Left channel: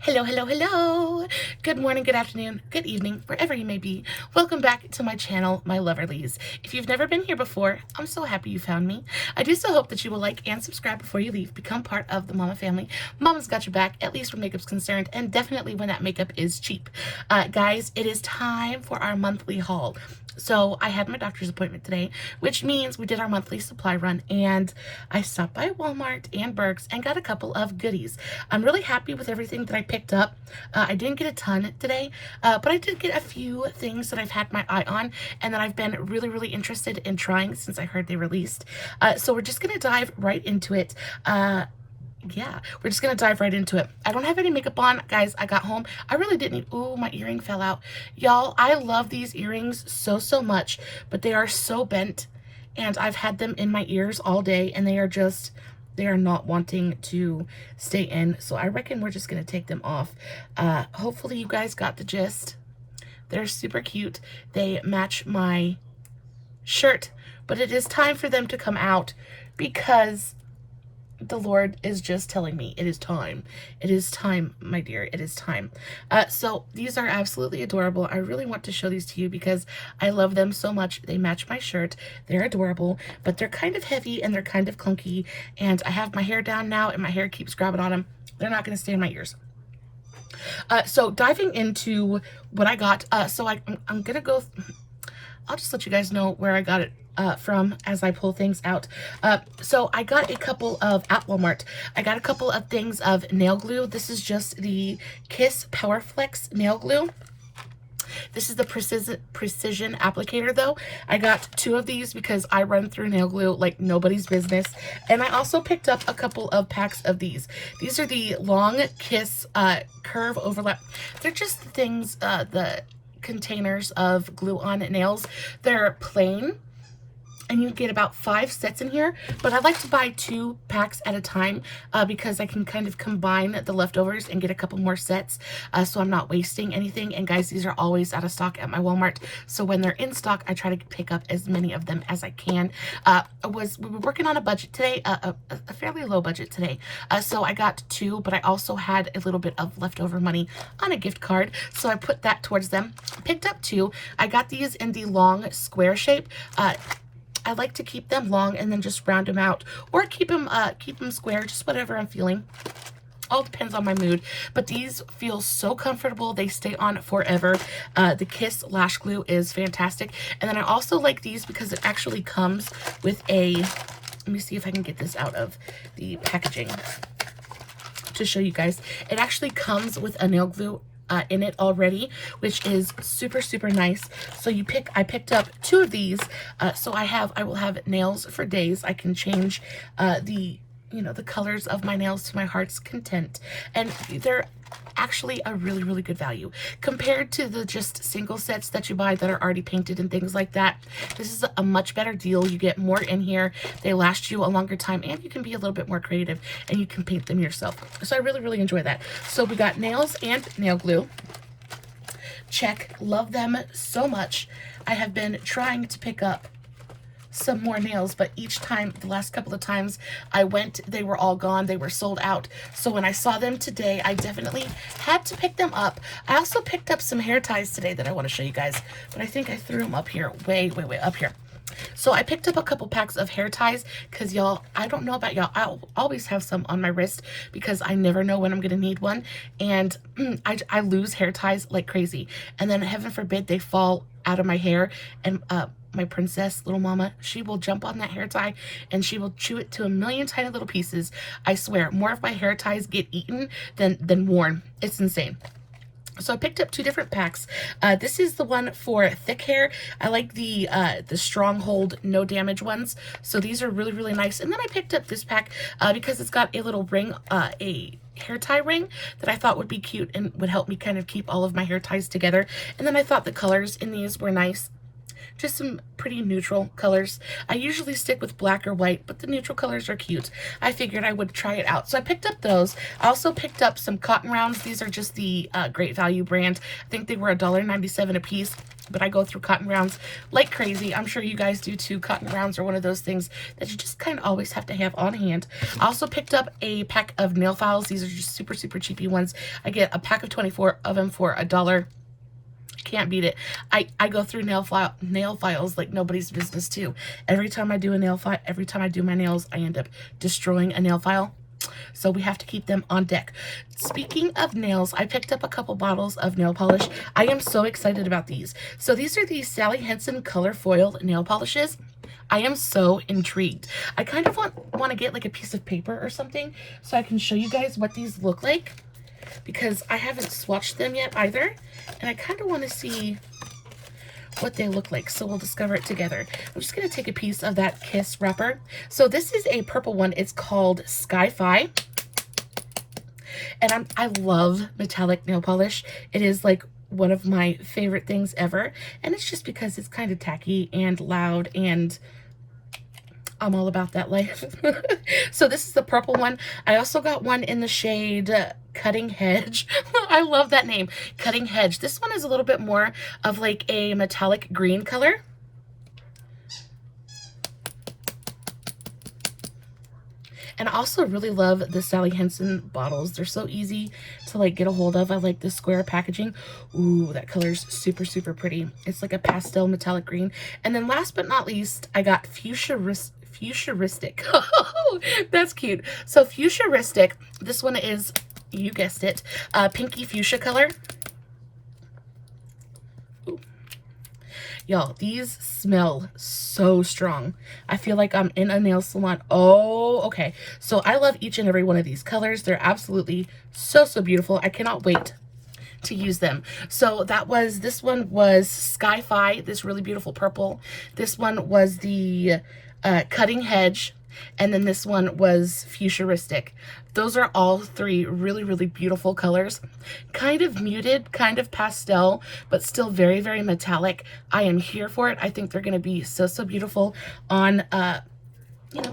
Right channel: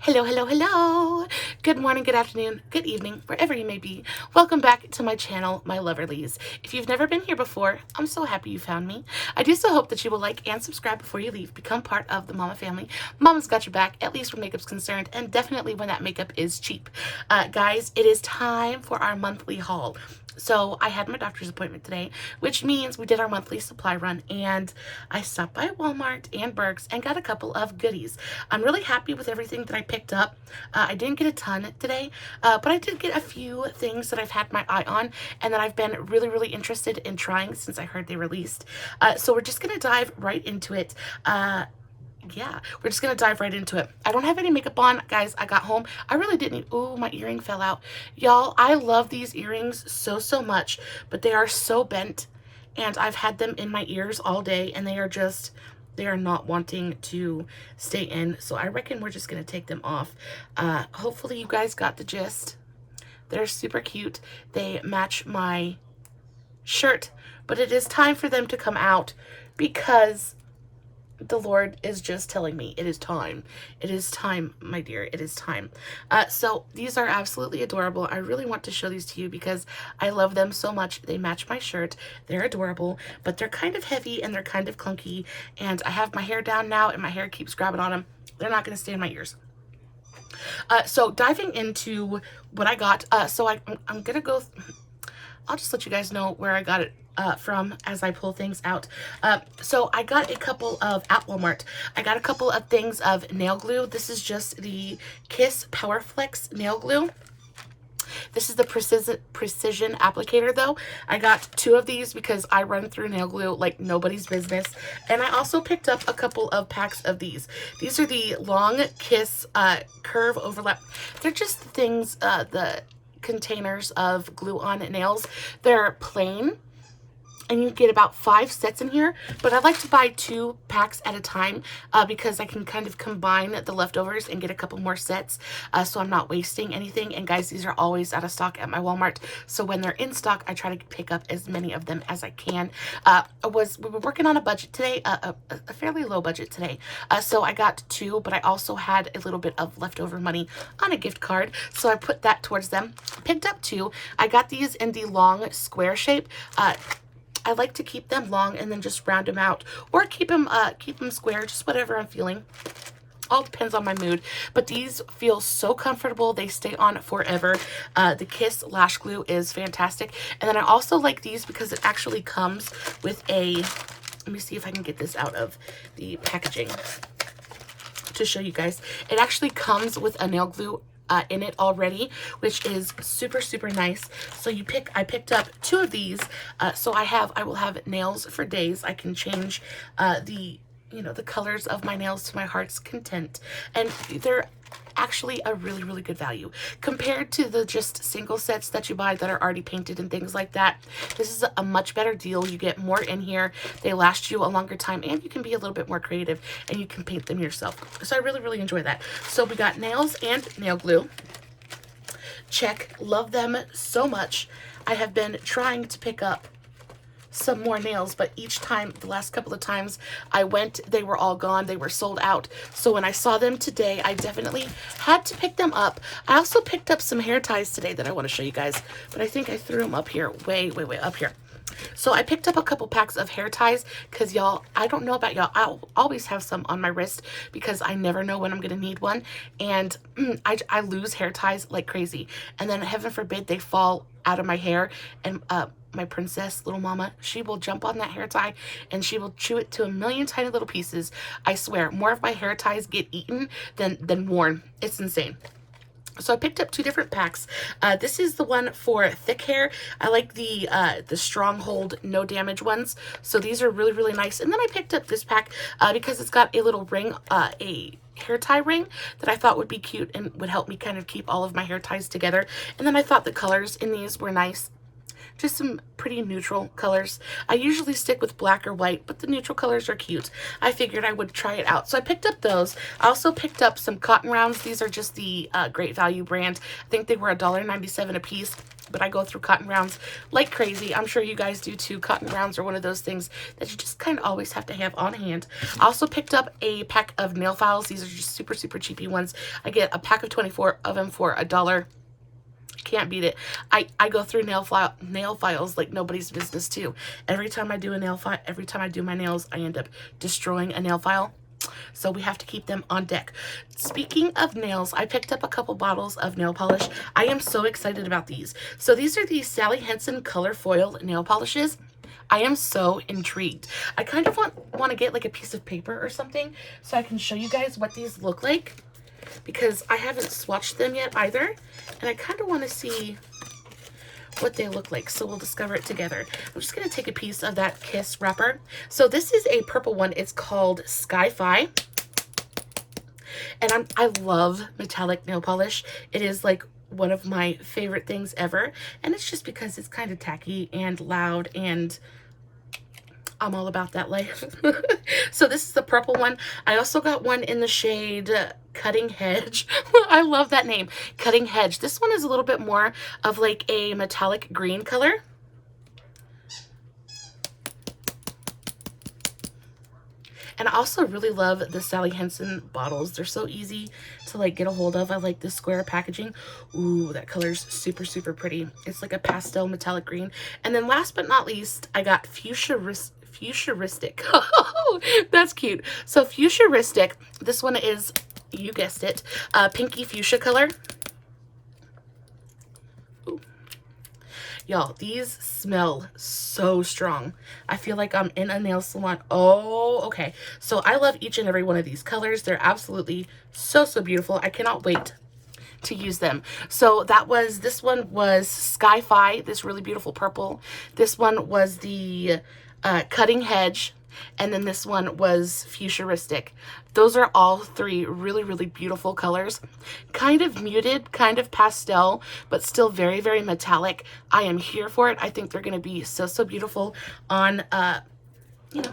Hello, hello, hello. Good morning, good afternoon, good evening, wherever you may be. Welcome back to my channel, my Loverlies. If you've never been here before, I'm so happy you found me. I do so hope that you will like and subscribe before you leave. Become part of the Mama family. Mama's got your back, at least where makeup's concerned, and definitely when that makeup is cheap. Guys, it is time for our monthly haul. So I had my doctor's appointment today, which means we did our monthly supply run, and I stopped by Walmart and Burke's and got a couple of goodies. I'm really happy with everything that I picked up. I didn't get a ton today, but I did get a few things that I've had my eye on and that I've been really interested in trying since I heard they released. So we're just gonna dive right into it. Yeah, we're just gonna dive right into it. I don't have any makeup on, guys. I got home. I really didn't. Oh, my earring fell out. Y'all, I love these earrings so much, but they are so bent, and I've had them in my ears all day, and they are not wanting to stay in. So I reckon we're just gonna take them off. Hopefully you guys got the gist. They're super cute. They match my shirt, but it is time for them to come out because the Lord is just telling me it is time. It is time, my dear. It is time. So these are absolutely adorable. I really want to show these to you because I love them so much. They match my shirt. They're adorable, but they're kind of heavy and they're kind of clunky. And I have my hair down now and my hair keeps grabbing on them. They're not going to stay in my ears. So diving into what I got. So I'm going to go... I'll just let you guys know where I got it from as I pull things out. So I got a couple of, at Walmart, I got a couple of things of nail glue. This is just the Kiss Power Flex nail glue. This is the precision applicator though. I got 2 of these because I run through nail glue like nobody's business. And I also picked up a couple of packs of these. These are the Long Kiss Curve Overlap. They're just things, the containers of glue on nails. They're plain and you get about 5 sets in here, but I like to buy 2 packs at a time because I can kind of combine the leftovers and get a couple more sets so I'm not wasting anything. And guys, these are always out of stock at my Walmart, so when they're in stock I try to pick up as many of them as I can. We were working on a budget today, a fairly low budget today, so I got 2, but I also had a little bit of leftover money on a gift card, so I put that towards them. Picked up 2. I got these in the long square shape. I like to keep them long and then just round them out, or keep them square, just whatever I'm feeling. All depends on my mood, but these feel so comfortable. They stay on forever. The Kiss Lash Glue is fantastic. And then I also like these because it actually comes with a, let me see if I can get this out of the packaging to show you guys. It actually comes with a nail glue in it already, which is super nice. So I picked up 2 of these, so I will have nails for days. I can change the colors of my nails to my heart's content, and they're actually a really good value compared to the just single sets that you buy that are already painted and things like that. This is a much better deal. You get more in here, they last you a longer time, and you can be a little bit more creative and you can paint them yourself. So I really enjoy that. So we got nails and nail glue. Check. Love them so much. I have been trying to pick up some more nails, but each time, the last couple of times I went, they were all gone. They were sold out. So when I saw them today, I definitely had to pick them up. I also picked up some hair ties today that I want to show you guys, but I think I threw them up here, way up here. So I picked up a couple packs of hair ties because y'all, I don't know about y'all, I always have some on my wrist because I never know when I'm gonna need one, and I lose hair ties like crazy, and then heaven forbid they fall out of my hair, and my princess, little mama, she will jump on that hair tie and she will chew it to a million tiny little pieces. I swear, more of my hair ties get eaten than worn. It's insane. So I picked up 2 different packs. This is the one for thick hair. I like the Stronghold no damage ones. So these are really nice. And then I picked up this pack because it's got a little ring, a hair tie ring that I thought would be cute and would help me kind of keep all of my hair ties together. And then I thought the colors in these were nice. just some pretty neutral colors. I usually stick with black or white, but the neutral colors are cute. I figured I would try it out. So I picked up those. I also picked up some cotton rounds. These are just the Great Value brand. I think they were $1.97 a piece, but I go through cotton rounds like crazy. I'm sure you guys do too. Cotton rounds are one of those things that you just kind of always have to have on hand. I also picked up a pack of nail files. These are just super, super cheapy ones. I get a pack of 24 of them for $1. Can't beat it. I go through nail files like nobody's business too. Every time I do a nail file, every time I do my nails, I end up destroying a nail file. So we have to keep them on deck. Speaking of nails, I picked up a couple bottles of nail polish. I am so excited about these. So these are the Sally Henson Color Foil nail polishes. I am so intrigued. I kind of want to get like a piece of paper or something so I can show you guys what these look like, because I haven't swatched them yet either, and I kind of want to see what they look like, so we'll discover it together. I'm just going to take a piece of that Kiss wrapper. So this is a purple one. It's called Sky-Fi, and I love metallic nail polish. It is like one of my favorite things ever, and it's just because it's kind of tacky and loud, and I'm all about that life. So this is the purple one. I also got one in the shade Cutting Hedge. I love that name, Cutting Hedge. This one is a little bit more of like a metallic green color. And I also really love the Sally Henson bottles. They're so easy to like get a hold of. I like the square packaging. Ooh, that color's super, super pretty. It's like a pastel metallic green. And then last but not least, I got Fuchsia-ristic. Oh, that's cute. So Fuchsia-ristic, this one is, you guessed it, pinky fuchsia color. Y'all, these smell so strong. I feel like I'm in a nail salon. Oh, okay. So I love each and every one of these colors. They're absolutely so, so beautiful. I cannot wait to use them. So this one was Sky-Fi, this really beautiful purple. This one was the Cutting Hedge, and then this one was Fuchsia-ristic. Those are all three really, really beautiful colors. Kind of muted, kind of pastel, but still very, very metallic. I am here for it. I think they're going to be so, so beautiful on, you know,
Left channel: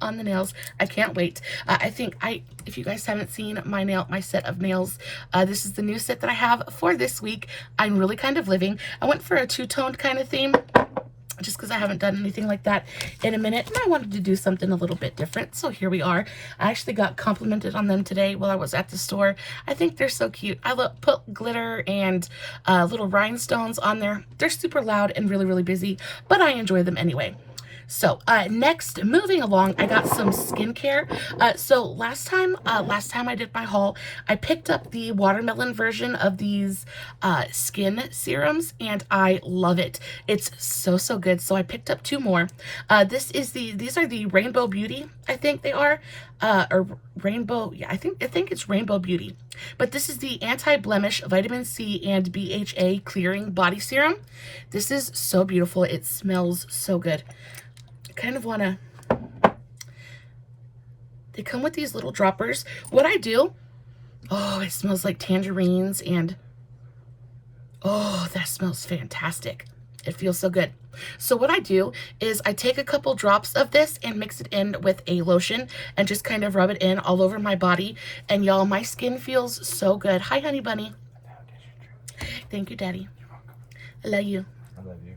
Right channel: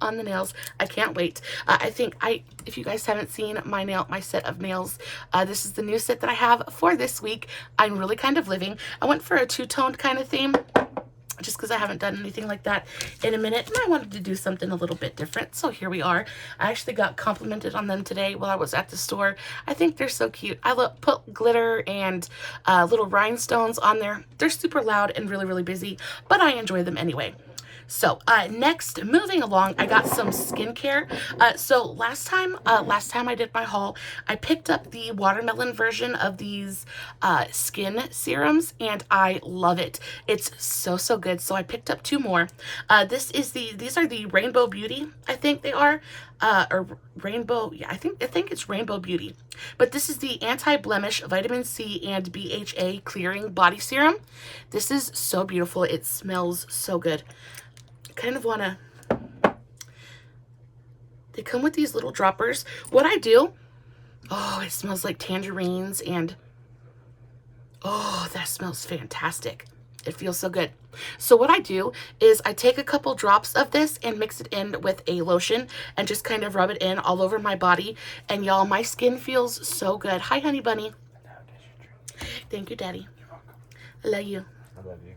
on the nails. I can't wait. If you guys haven't seen my set of nails, this is the new set that I have for this week. I'm really kind of living. I went for a two-toned kind of theme, just because I haven't done anything like that in a minute, and I wanted to do something a little bit different. So here we are. I actually got complimented on them today while I was at the store. I think they're so cute. I put glitter and little rhinestones on there. They're super loud and really, really busy, but I enjoy them anyway. So next, moving along, I got some skincare. So last time I did my haul, I picked up the watermelon version of these skin serums, and I love it. It's so, so good. So I picked up two more. These are the Rainbow Beauty, I think they are, or Rainbow, yeah, I think it's Rainbow Beauty. But this is the Anti-Blemish Vitamin C and BHA Clearing Body Serum. This is so beautiful. It smells so good. Kind of want to, they come with these little droppers. What I do, oh, it smells like tangerines, and oh, that smells fantastic. It feels so good. So what I do is I take a couple drops of this and mix it in with a lotion and just kind of rub it in all over my body. And y'all, my skin feels so good. Hi, honey bunny. Thank you, Daddy. I love you. I love you.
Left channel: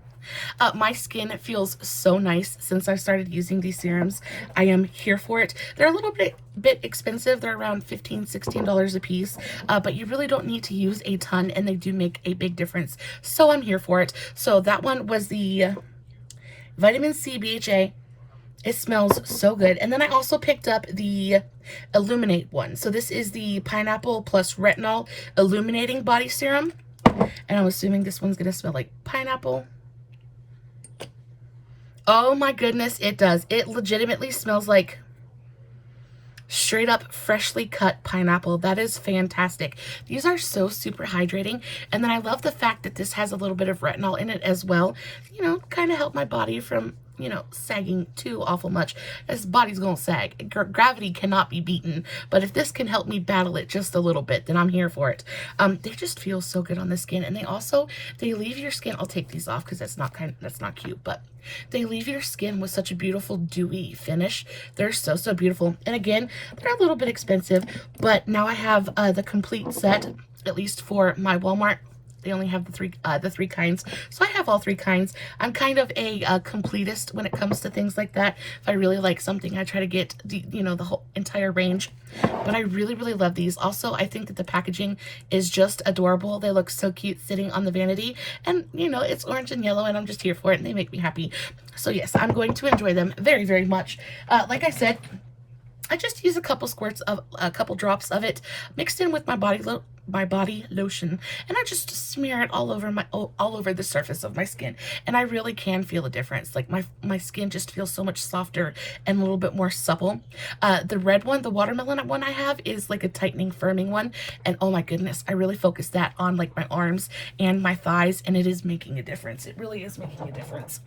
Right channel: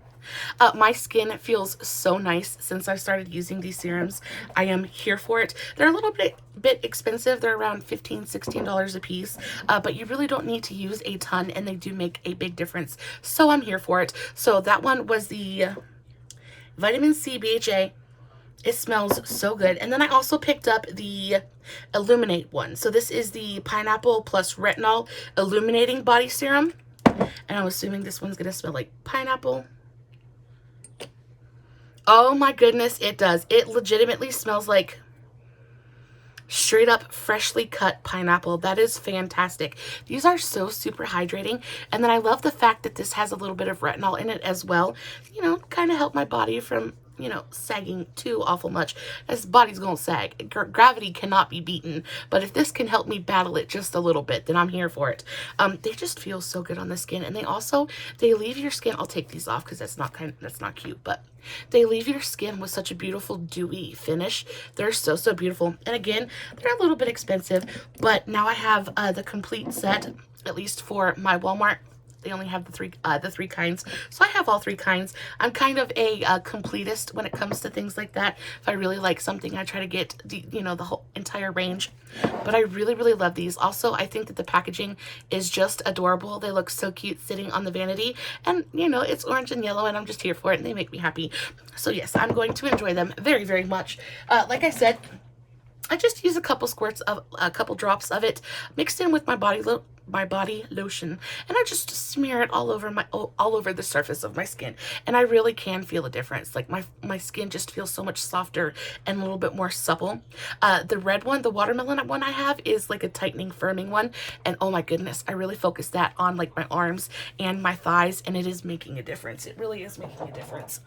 My skin feels so nice since I started using these serums. I am here for it. They're a little bit expensive. They're around $15, $16 a piece, but you really don't need to use a ton, and they do make a big difference. So I'm here for it. So that one was the Vitamin C BHA. It smells so good. And then I also picked up the Illuminate one. So this is the Pineapple plus Retinol Illuminating Body Serum. And I'm assuming this one's going to smell like pineapple. Oh my goodness, it does. It legitimately smells like straight up freshly cut pineapple. That is fantastic. These are so super hydrating. And then I love the fact that this has a little bit of retinol in it as well. You know, kind of help my body from, you know, sagging too awful much. This body's gonna sag. Gravity cannot be beaten. But if this can help me battle it just a little bit, then I'm here for it. They just feel so good on the skin, and they leave your skin. I'll take these off because that's not cute, but they leave your skin with such a beautiful dewy finish. They're so beautiful. And again, they're a little bit expensive, but now I have the complete set, at least for my Walmart. They only have the three kinds, so I have all three kinds. I'm kind of a completist when it comes to things like that. If I really like something, I try to get the whole entire range. But I really love these. Also, I think that the packaging is just adorable. They look so cute sitting on the vanity, and you know, it's orange and yellow, and I'm just here for it, and they make me happy. So yes, I'm going to enjoy them very much. Like I said, I just use a couple drops of it mixed in with my body lotion, and I just smear it all over the surface of my skin, and I really can feel a difference. Like my skin just feels so much softer and a little bit more supple. The red one, the watermelon one I have, is like a tightening, firming one, and oh my goodness, I really focus that on like my arms and my thighs, and it is making a difference. It really is making a difference.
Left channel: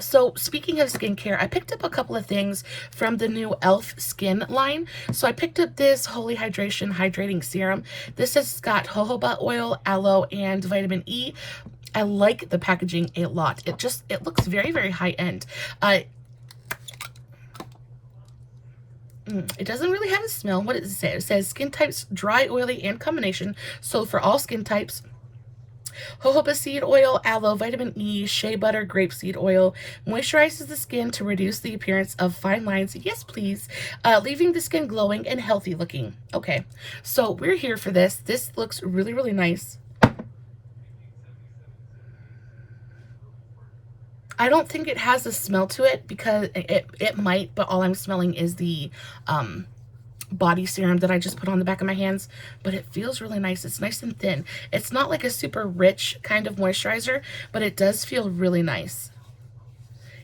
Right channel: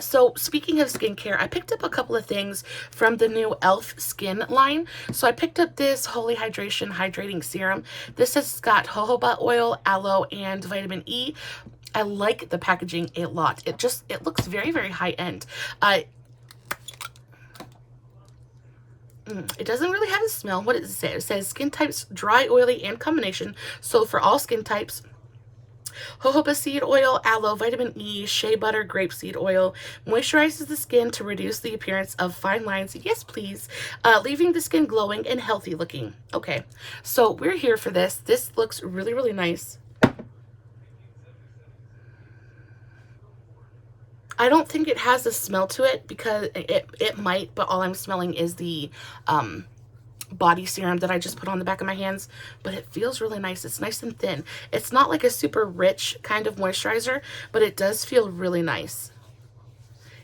So speaking of skincare, I picked up a couple of things from the new e.l.f. skin line. So I picked up this Holy Hydration Hydrating Serum. This has got jojoba oil, aloe, and vitamin E. I like the packaging a lot. It looks very high end. It doesn't really have a smell. What does it say? It says skin types dry, oily, and combination. So for all skin types, jojoba seed oil, aloe, vitamin E, shea butter, grapeseed oil moisturizes the skin to reduce the appearance of fine lines. Yes, please. Leaving the skin glowing and healthy looking. Okay, so we're here for this. This looks really nice. I don't think it has a smell to it because it might, but all I'm smelling is the body serum that I just put on the back of my hands, but it feels really nice. It's nice and thin. It's not like a super rich kind of moisturizer, but it does feel really nice.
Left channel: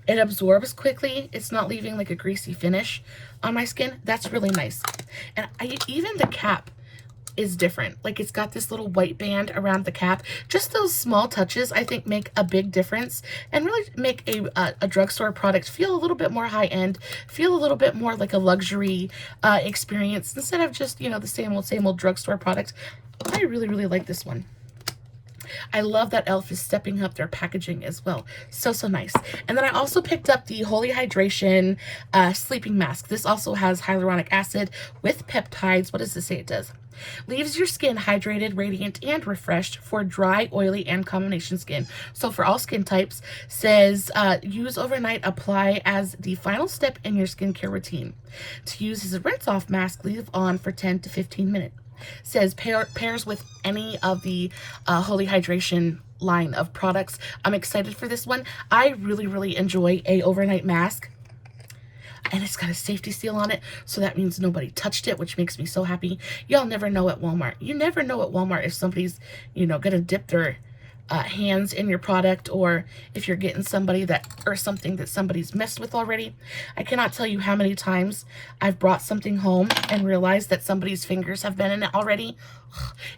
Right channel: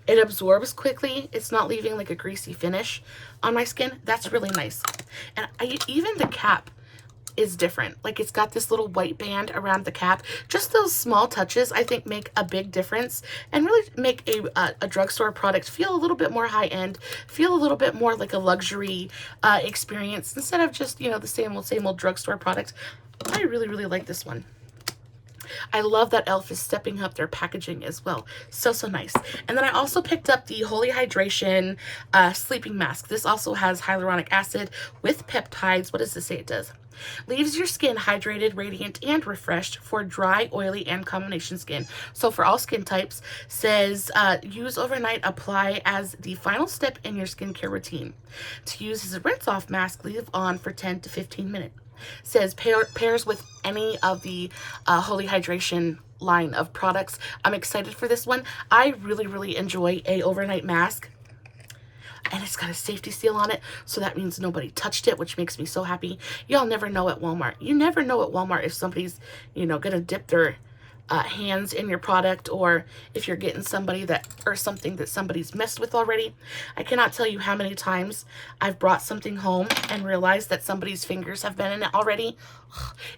It absorbs quickly. It's not leaving like a greasy finish on my skin. That's really nice. And even the cap is different. Like, it's got this little white band around the cap. Just those small touches, I think, make a big difference and really make a drugstore product feel a little bit more high-end, feel a little bit more like a luxury experience instead of just, you know, the same old drugstore product. I really like this one. I love that e.l.f. is stepping up their packaging as well. So nice. And then I also picked up the Holy Hydration Sleeping Mask. This also has hyaluronic acid with peptides. What does this say it does? Leaves your skin hydrated, radiant, and refreshed for dry, oily, and combination skin. So for all skin types, says use overnight, apply as the final step in your skincare routine. To use as a rinse-off mask, leave on for 10 to 15 minutes. Says pairs with any of the Holy Hydration line of products. I'm excited for this one. I really enjoy a overnight mask. And it's got a safety seal on it, so that means nobody touched it, which makes me so happy. Y'all never know at Walmart. You never know at Walmart if somebody's, you know, gonna dip their hands in your product, or if you're getting something that somebody's messed with already. I cannot tell you how many times I've brought something home and realized that somebody's fingers have been in it already.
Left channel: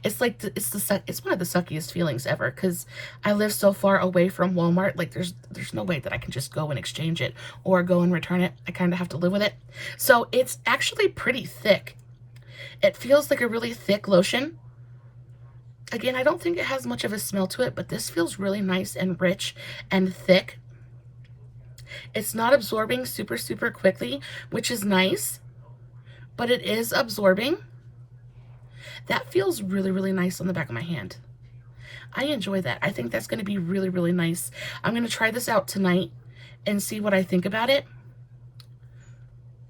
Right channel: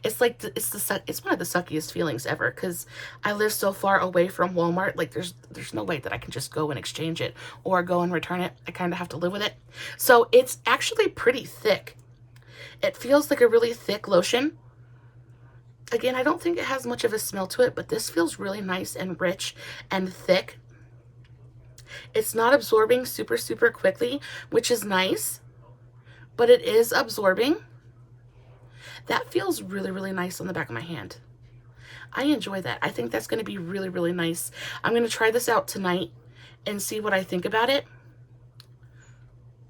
It's like it's one of the suckiest feelings ever, because I live so far away from Walmart. Like, there's no way that I can just go and exchange it or go and return it. I kind of have to live with it. So it's actually pretty thick. It feels like a really thick lotion. Again, I don't think it has much of a smell to it, but this feels really nice and rich and thick. It's not absorbing super quickly, which is nice, but it is absorbing. That feels really nice on the back of my hand. I enjoy that. I think that's going to be really nice. I'm going to try this out tonight and see what I think about it.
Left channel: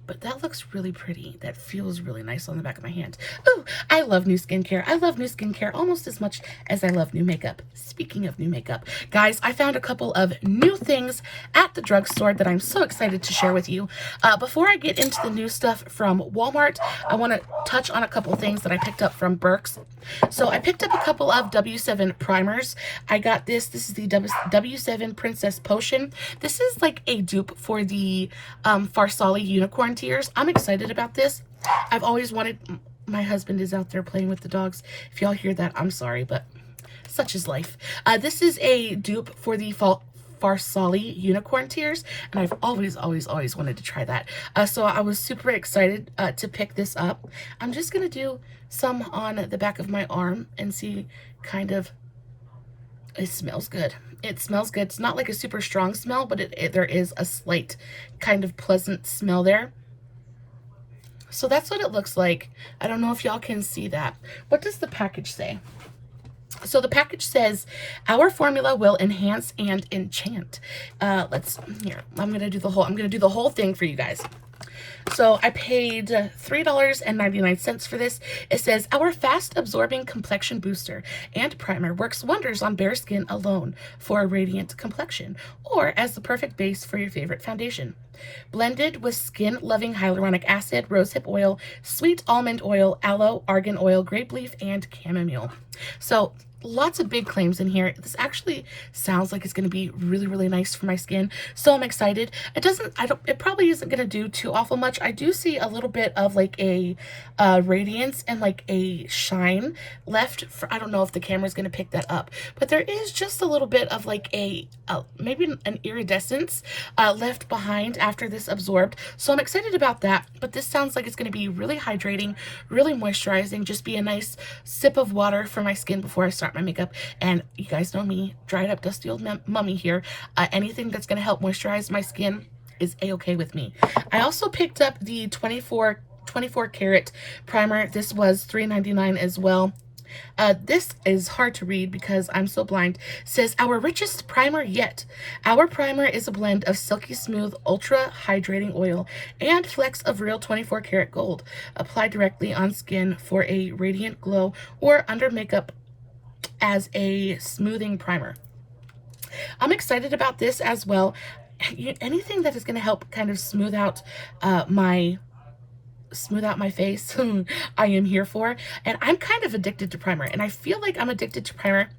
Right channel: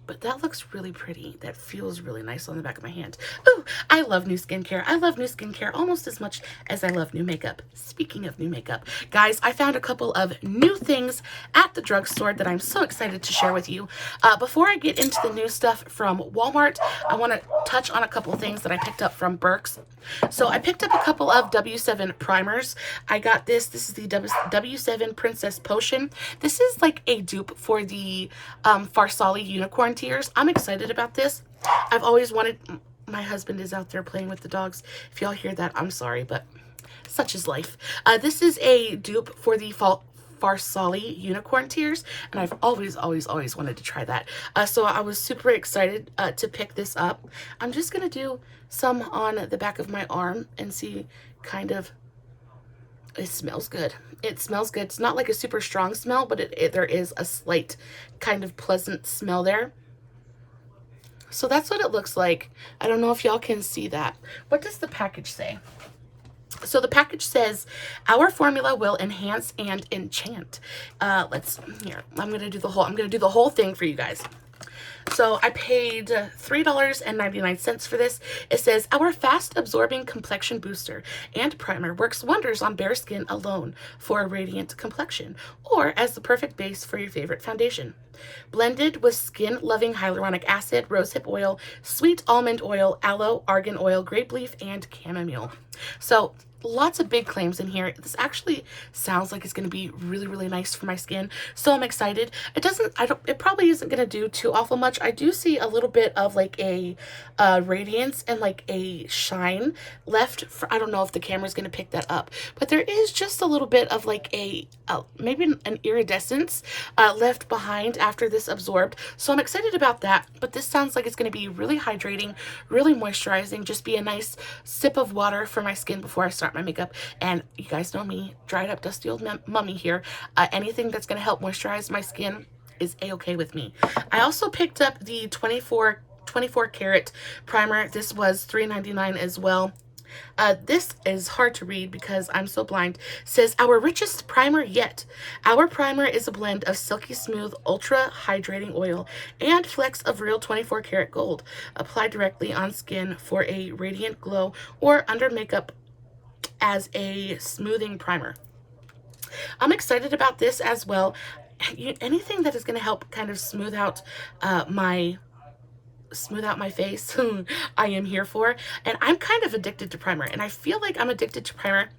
But that looks really pretty. That feels really nice on the back of my hand. Ooh, I love new skincare. I love new skincare almost as much as I love new makeup. Speaking of new makeup, guys, I found a couple of new things at the drugstore that I'm so excited to share with you. Before I get into the new stuff from Walmart, I want to touch on a couple of things that I picked up from Burke's. So I picked up a couple of W7 primers. I got this. This is the W7 Princess Potion. This is like a dupe for the Farsali Unicorn Tears. I'm excited about this. I've always wanted... My husband is out there playing with the dogs. If y'all hear that, I'm sorry, but such is life. This is a dupe for the Farsali Unicorn Tears, and I've always wanted to try that. So I was super excited to pick this up. I'm just gonna do some on the back of my arm and see kind of, it smells good. It smells good. It's not like a super strong smell, but there is a slight kind of pleasant smell there. So that's what it looks like. I don't know if y'all can see that. What does the package say? So the package says, our formula will enhance and enchant. Here, I'm going to do the whole thing for you guys. So I paid $3.99 for this. It says, our fast absorbing complexion booster and primer works wonders on bare skin alone for a radiant complexion, or as the perfect base for your favorite foundation. Blended with skin loving hyaluronic acid, rosehip oil, sweet almond oil, aloe, argan oil, grape leaf, and chamomile. So lots of big claims in here. This actually sounds like it's going to be really nice for my skin, so I'm excited. It probably isn't going to do too awful much. I do see a little bit of like a radiance and like a shine left for, I don't know if the camera's going to pick that up, but there is just a little bit of like maybe an iridescence left behind after this absorbed, so I'm excited about that. But this sounds like it's going to be really hydrating, really moisturizing, just be a nice sip of water for my skin before I start my makeup. And you guys know me, dried up dusty old mummy here. Anything that's going to help moisturize my skin is a-okay with me. I also picked up the 24 karat primer. This was $3.99 as well. This is hard to read because I'm so blind. It says, our richest primer yet. Our primer is a blend of silky smooth ultra hydrating oil and flecks of real 24 karat gold. Apply directly on skin for a radiant glow or under makeup as a smoothing primer. I'm excited about this as well. Anything that is going to help kind of smooth out my face, I am here for. And I'm kind of addicted to primer, and I feel like I'm addicted to primer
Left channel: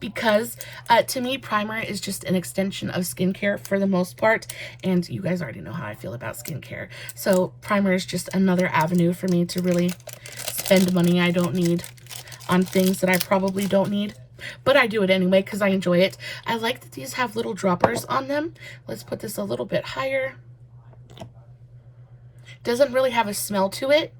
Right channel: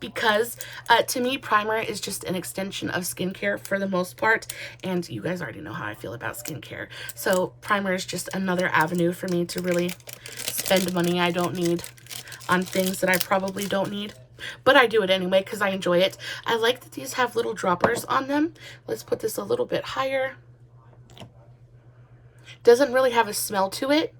because to me, primer is just an extension of skincare for the most part, and you guys already know how I feel about skincare. So primer is just another avenue for me to really spend money I don't need on things that I probably don't need, but I do it anyway because I enjoy it. I like that these have little droppers on them. Let's put this a little bit higher. Doesn't really have a smell to it.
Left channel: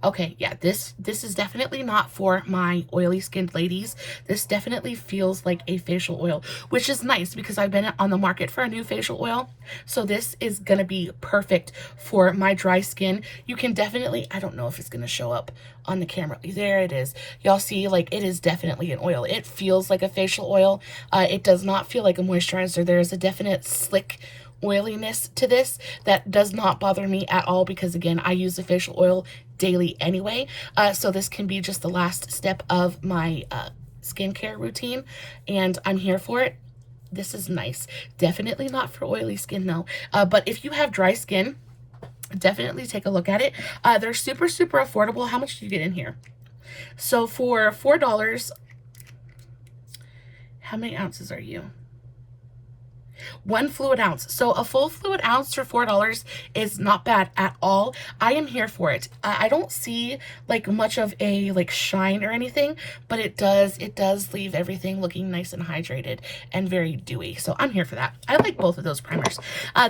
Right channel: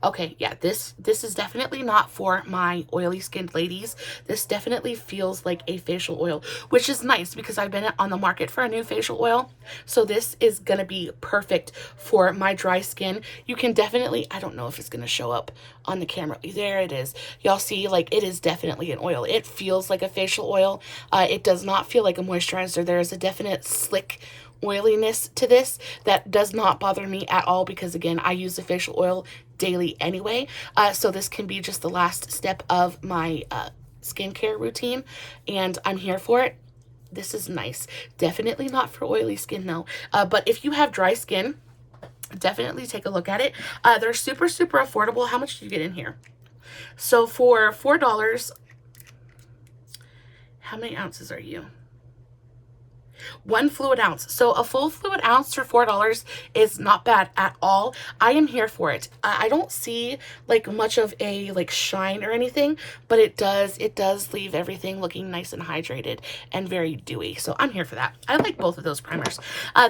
Okay, yeah, this is definitely not for my oily skinned ladies. This definitely feels like a facial oil, which is nice because I've been on the market for a new facial oil. So this is gonna be perfect for my dry skin. You can definitely, I don't know if it's gonna show up on the camera. There it is. Y'all see, like, it is definitely an oil. It feels like a facial oil. It does not feel like a moisturizer. There is a definite slick oiliness to this that does not bother me at all because, again, I use the facial oil daily anyway, so this can be just the last step of my skincare routine, and I'm here for it. This is nice. Definitely not for oily skin, no, but if you have dry skin, definitely take a look at it. They're super affordable. How much do you get in here? So for $4, how many ounces are you? 1 fluid ounce. So a full fluid ounce for $4 is not bad at all. I am here for it. I don't see like much of a like shine or anything, but it does leave everything looking nice and hydrated and very dewy. So I'm here for that. I like both of those primers.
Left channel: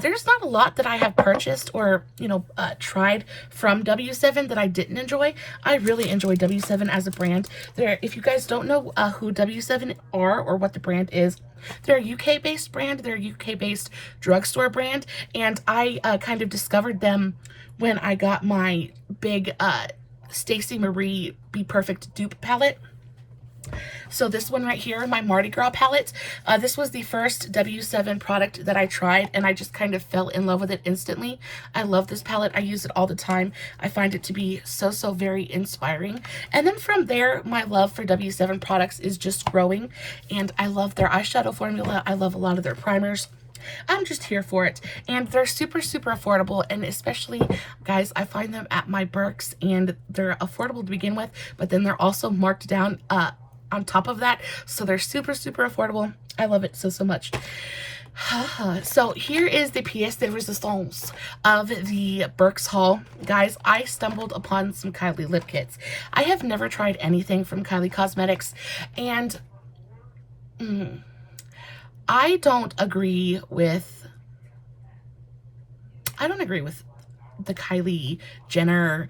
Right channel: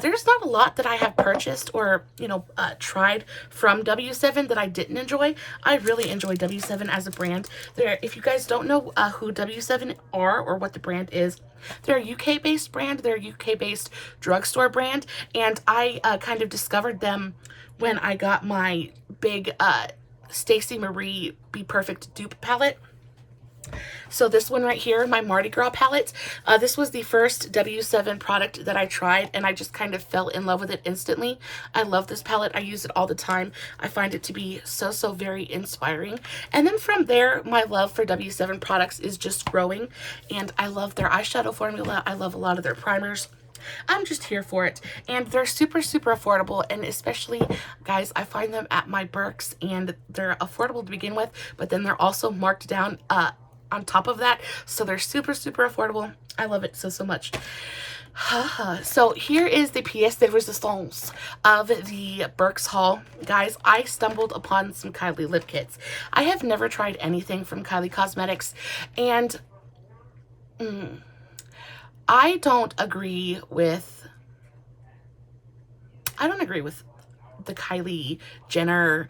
There's not a lot that I have purchased or, you know, tried from W7 that I didn't enjoy. I really enjoy W7 as a brand. If you guys don't know who W7 are or what the brand is, they're a UK-based brand. They're a UK-based drugstore brand, and I kind of discovered them when I got my big Stacey Marie Be Perfect dupe palette. So this one right here, my Mardi Gras palette, this was the first W7 product that I tried, and I just kind of fell in love with it instantly. I love this palette. I use it all the time. I find it to be so very inspiring. And then from there, my love for W7 products is just growing, and I love their eyeshadow formula. I love a lot of their primers. I'm just here for it, and they're super affordable, and especially, guys, I find them at my Burke's, and they're affordable to begin with, but then they're also marked down on top of that, so they're super affordable. I love it so much. So here is the pièce de résistance of the Burke's haul. Guys, I stumbled upon some Kylie Lip Kits. I have never tried anything from Kylie Cosmetics, and I don't agree with the Kylie Jenner,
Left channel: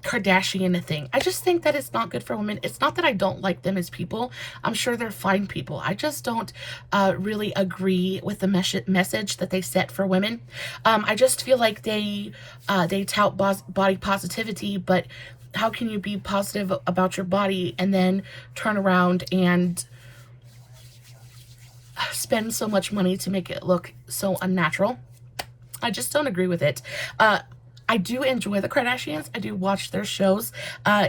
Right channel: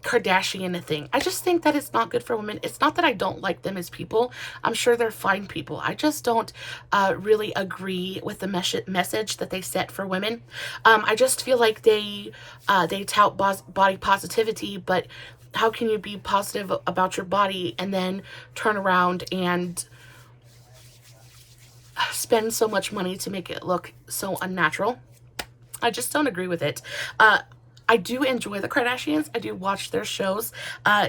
Kardashian thing. I just think that it's not good for women. It's not that I don't like them as people. I'm sure they're fine people. I just don't really agree with the message that they set for women. I just feel like they tout body positivity, but how can you be positive about your body and then turn around and spend so much money to make it look so unnatural? I just don't agree with it. I do enjoy the Kardashians. I do watch their shows.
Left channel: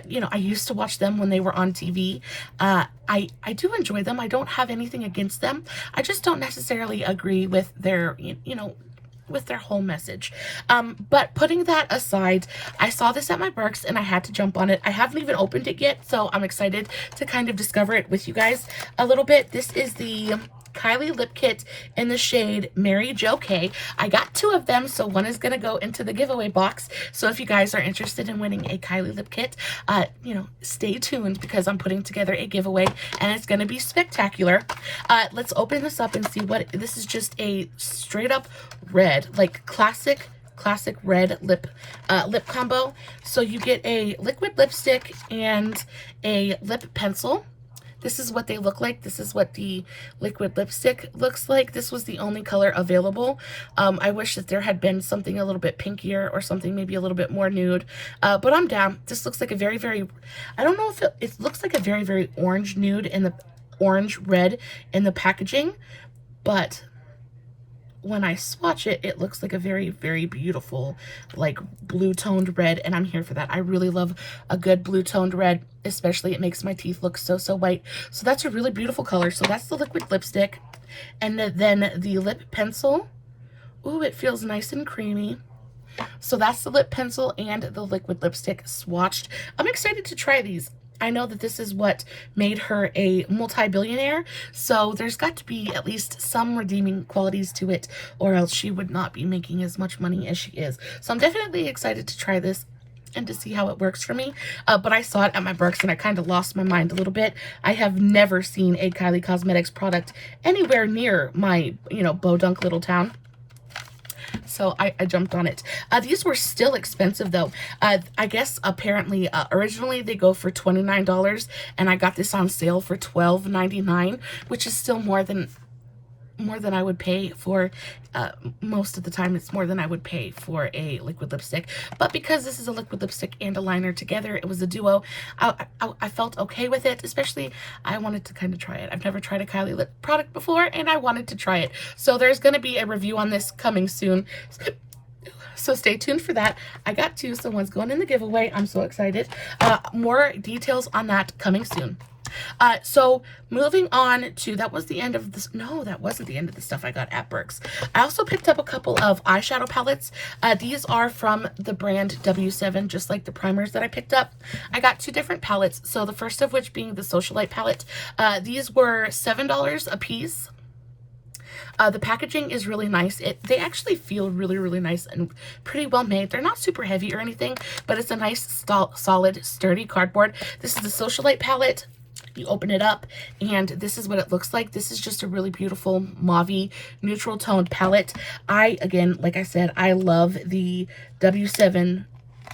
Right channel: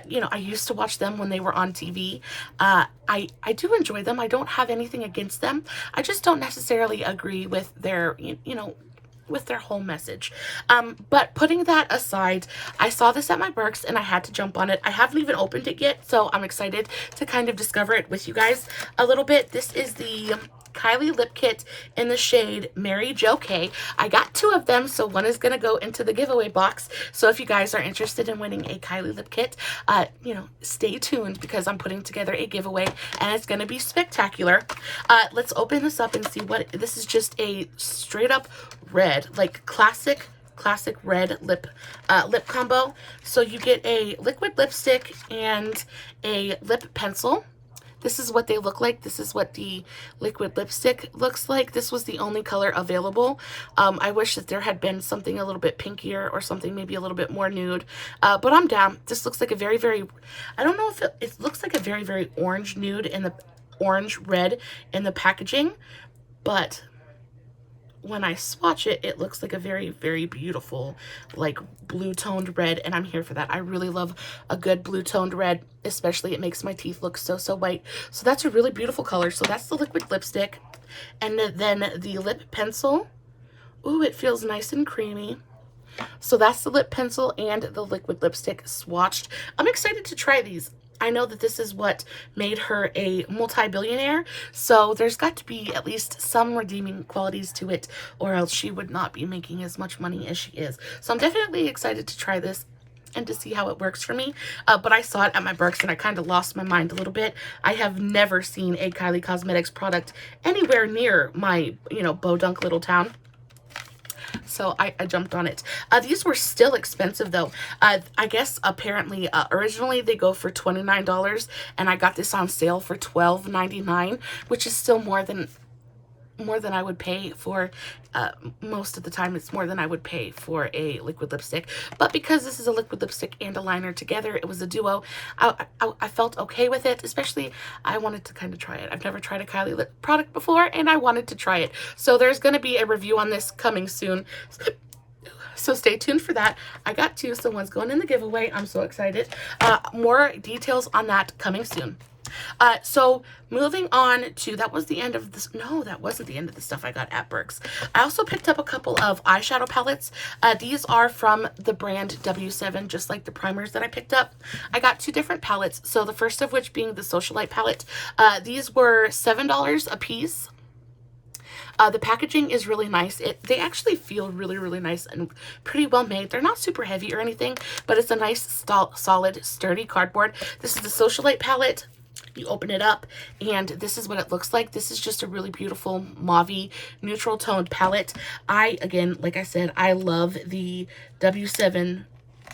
You know, I used to watch them when they were on TV. I do enjoy them. I don't have anything against them. I just don't necessarily agree with their, you know, with their whole message. But putting that aside, I saw this at my Burke's and I had to jump on it. I haven't even opened it yet, so I'm excited to kind of discover it with you guys a little bit. This is the Kylie Lip Kit in the shade Mary Jo K. I got 2 of them, so one is going to go into the giveaway box. So if you guys are interested in winning a Kylie Lip Kit, you know, stay tuned because I'm putting together a giveaway and it's going to be spectacular. Let's open this up and see what this is. Just a straight up red, like classic red lip combo. So you get a liquid lipstick and a lip pencil. This is what they look like. This is what the liquid lipstick looks like. This was the only color available. I wish that there had been something a little bit pinkier or something maybe a little bit more nude. But I'm down. This looks like a very, very, I don't know if it looks like a very, very orange nude in the orange red in the packaging. But when I swatch it, it looks like a very, very beautiful, like blue toned red, and I'm here for that. I really love a good blue toned red, especially it makes my teeth look so white. So that's a really beautiful color. So that's the liquid lipstick. And then the lip pencil. Ooh, it feels nice and creamy. So that's the lip pencil and the liquid lipstick swatched. I'm excited to try these. I know that this is what made her a multi-billionaire, so there's got to be at least some redeeming qualities to it, or else she would not be making as much money as she is. So I'm definitely excited to try this and to see how it works for me. But I saw it at my Burke's and I kind of lost my mind a little bit. I have never seen a Kylie Cosmetics product anywhere near my, you know, Bodunk little town. So I jumped on it. These were still expensive though. I guess apparently originally they go for $29 and I got this on sale for $12.99, which is still more than I would pay for, most of the time it's more than I would pay for a liquid lipstick. But because this is a liquid lipstick and a liner together, it was a duo, I felt okay with it. Especially I wanted to kind of try it. I've never tried a Kylie lip product before and I wanted to try it. So there's going to be a review on this coming soon. So stay tuned for that. I got 2, so one's going in the giveaway. I'm so excited. More details on that coming soon. So moving on to, that was the end of this. No, that wasn't the end of the stuff I got at Burke's. I also picked up a couple of eyeshadow palettes. These are from the brand W7, just like the primers that I picked up. I got 2 different palettes. So the first of which being the Socialite palette. These were $7 a piece. The packaging is really nice. They actually feel really, really nice and pretty well made. They're not super heavy or anything, but it's a nice, solid, sturdy cardboard. This is the Socialite palette. You open it up and this is what it looks like. This is just a really beautiful mauve neutral toned palette. Again, like I said, I love the W7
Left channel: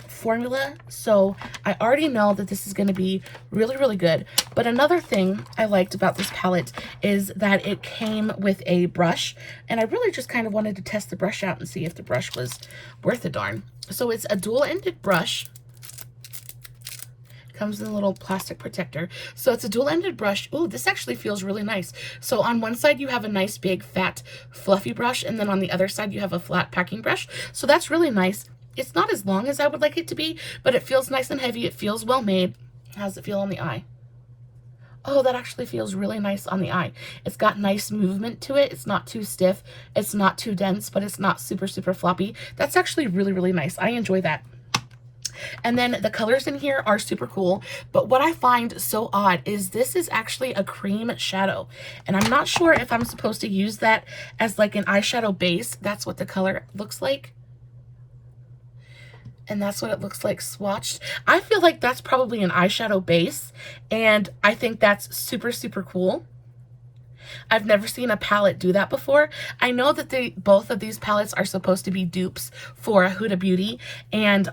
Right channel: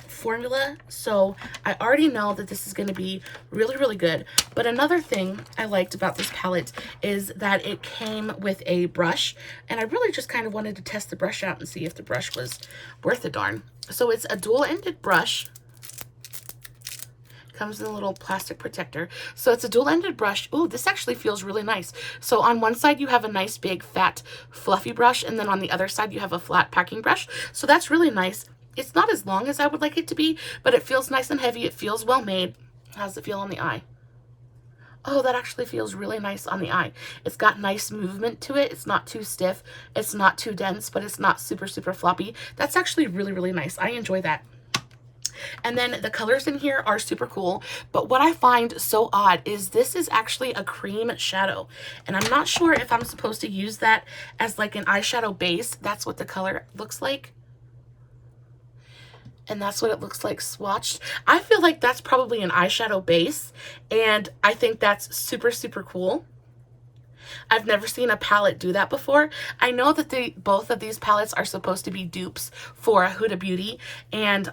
formula, so I already know that this is going to be really, really good. But another thing I liked about this palette is that it came with a brush, and I really just kind of wanted to test the brush out and see if the brush was worth a darn. So it's a dual-ended brush. Comes in a little plastic protector. So it's a dual-ended brush. Ooh, this actually feels really nice. So on one side you have a nice big fat fluffy brush, and then on the other side you have a flat packing brush. So that's really nice. It's not as long as I would like it to be, but it feels nice and heavy. It feels well made. How does it feel on the eye? Oh, that actually feels really nice on the eye. It's got nice movement to it. It's not too stiff. It's not too dense, but it's not super, super floppy. That's actually really, really nice. I enjoy that. And then the colors in here are super cool, but what I find so odd is this is actually a cream shadow, and I'm not sure if I'm supposed to use that as like an eyeshadow base. That's what the color looks like, and that's what it looks like swatched. I feel like that's probably an eyeshadow base, and I think that's super, super cool. I've never seen a palette do that before. I know that both of these palettes are supposed to be dupes for Huda Beauty, and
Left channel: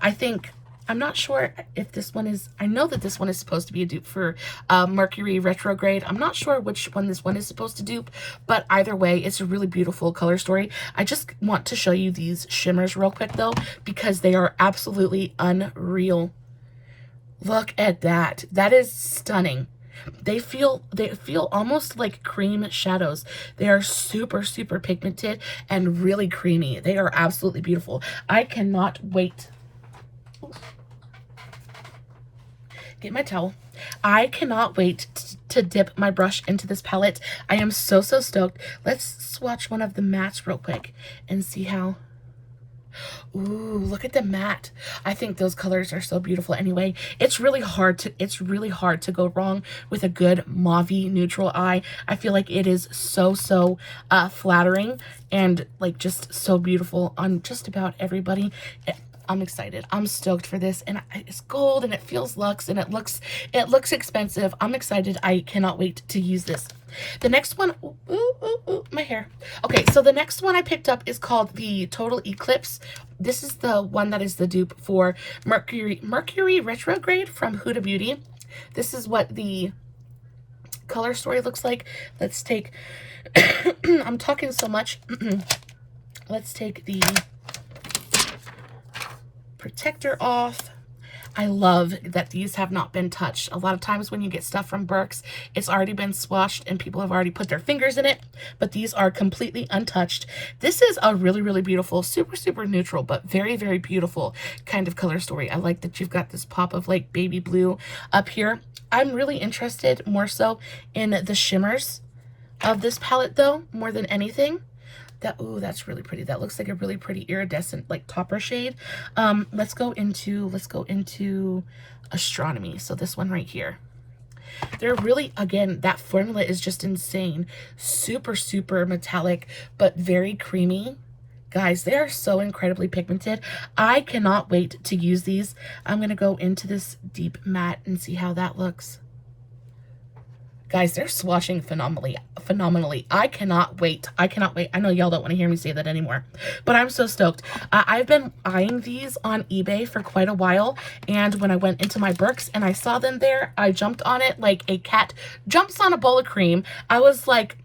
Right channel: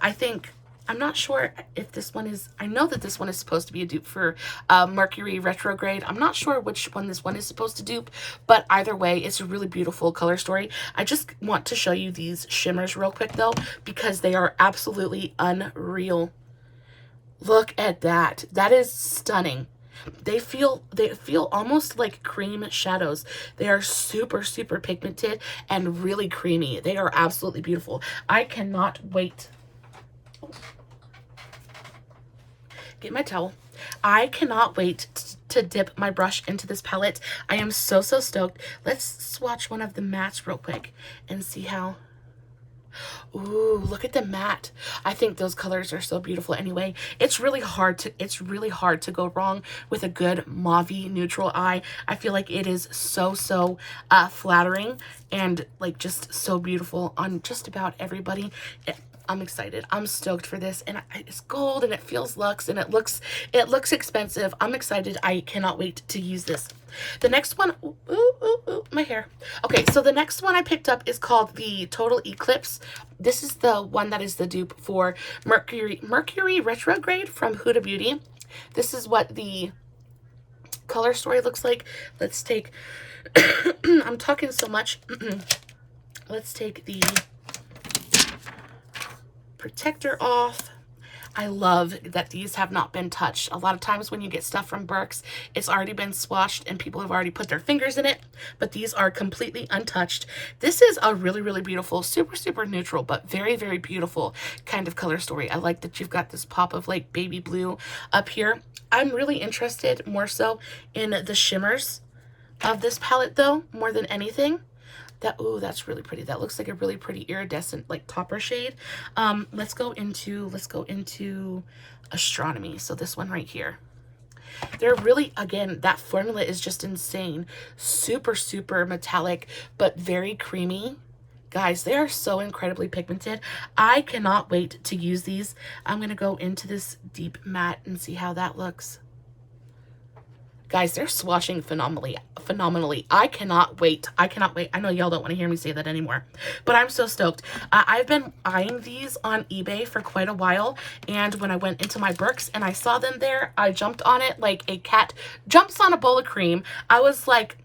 I'm not sure if this one is, I know that this one is supposed to be a dupe for Mercury Retrograde. I'm not sure which one this one is supposed to dupe, but either way, it's a really beautiful color story. I just want to show you these shimmers real quick though, because they are absolutely unreal. Look at that. That is stunning. They feel almost like cream shadows. They are super, super pigmented and really creamy. They are absolutely beautiful. I cannot wait. Get my towel. I cannot wait to dip my brush into this palette. I am so, so stoked. Let's swatch one of the mattes real quick and see how... Ooh, look at the matte. I think those colors are so beautiful anyway. It's really hard to go wrong with a good mauvey neutral eye. I feel like it is so flattering and like just so beautiful on just about everybody. I'm excited. I'm stoked for this, and it's gold and it feels luxe and it looks expensive. I'm excited. I cannot wait to use this. The next one, my hair. Okay, so the next one I picked up is called the Total Eclipse. This is the one that is the dupe for Mercury Retrograde from Huda Beauty. This is what the color story looks like. Let's take, I'm talking so much. Let's take the protector off. I love that these have not been touched. A lot of times when you get stuff from Burke's, it's already been swatched and people have already put their fingers in it, but these are completely untouched. This is a really, really beautiful, super neutral, but very, very beautiful kind of color story. I like that you've got this pop of like baby blue up here. I'm really interested more so in the shimmers of this palette though, more than anything. Ooh, that's really pretty. That looks like a really pretty iridescent like topper shade. Let's go into Astronomy. So this one right here. They're really, again, that formula is just insane. Super metallic, but very creamy. Guys, they are so incredibly pigmented. I cannot wait to use these. I'm gonna go into this deep matte and see how that looks. Guys, they're swatching phenomenally. I cannot wait. I know y'all don't want to hear me say that anymore, but I'm so stoked. I've been eyeing these on eBay for quite a while, and when I went into my Burke's and I saw them there, I jumped on it like a cat jumps on a bowl of cream. I was like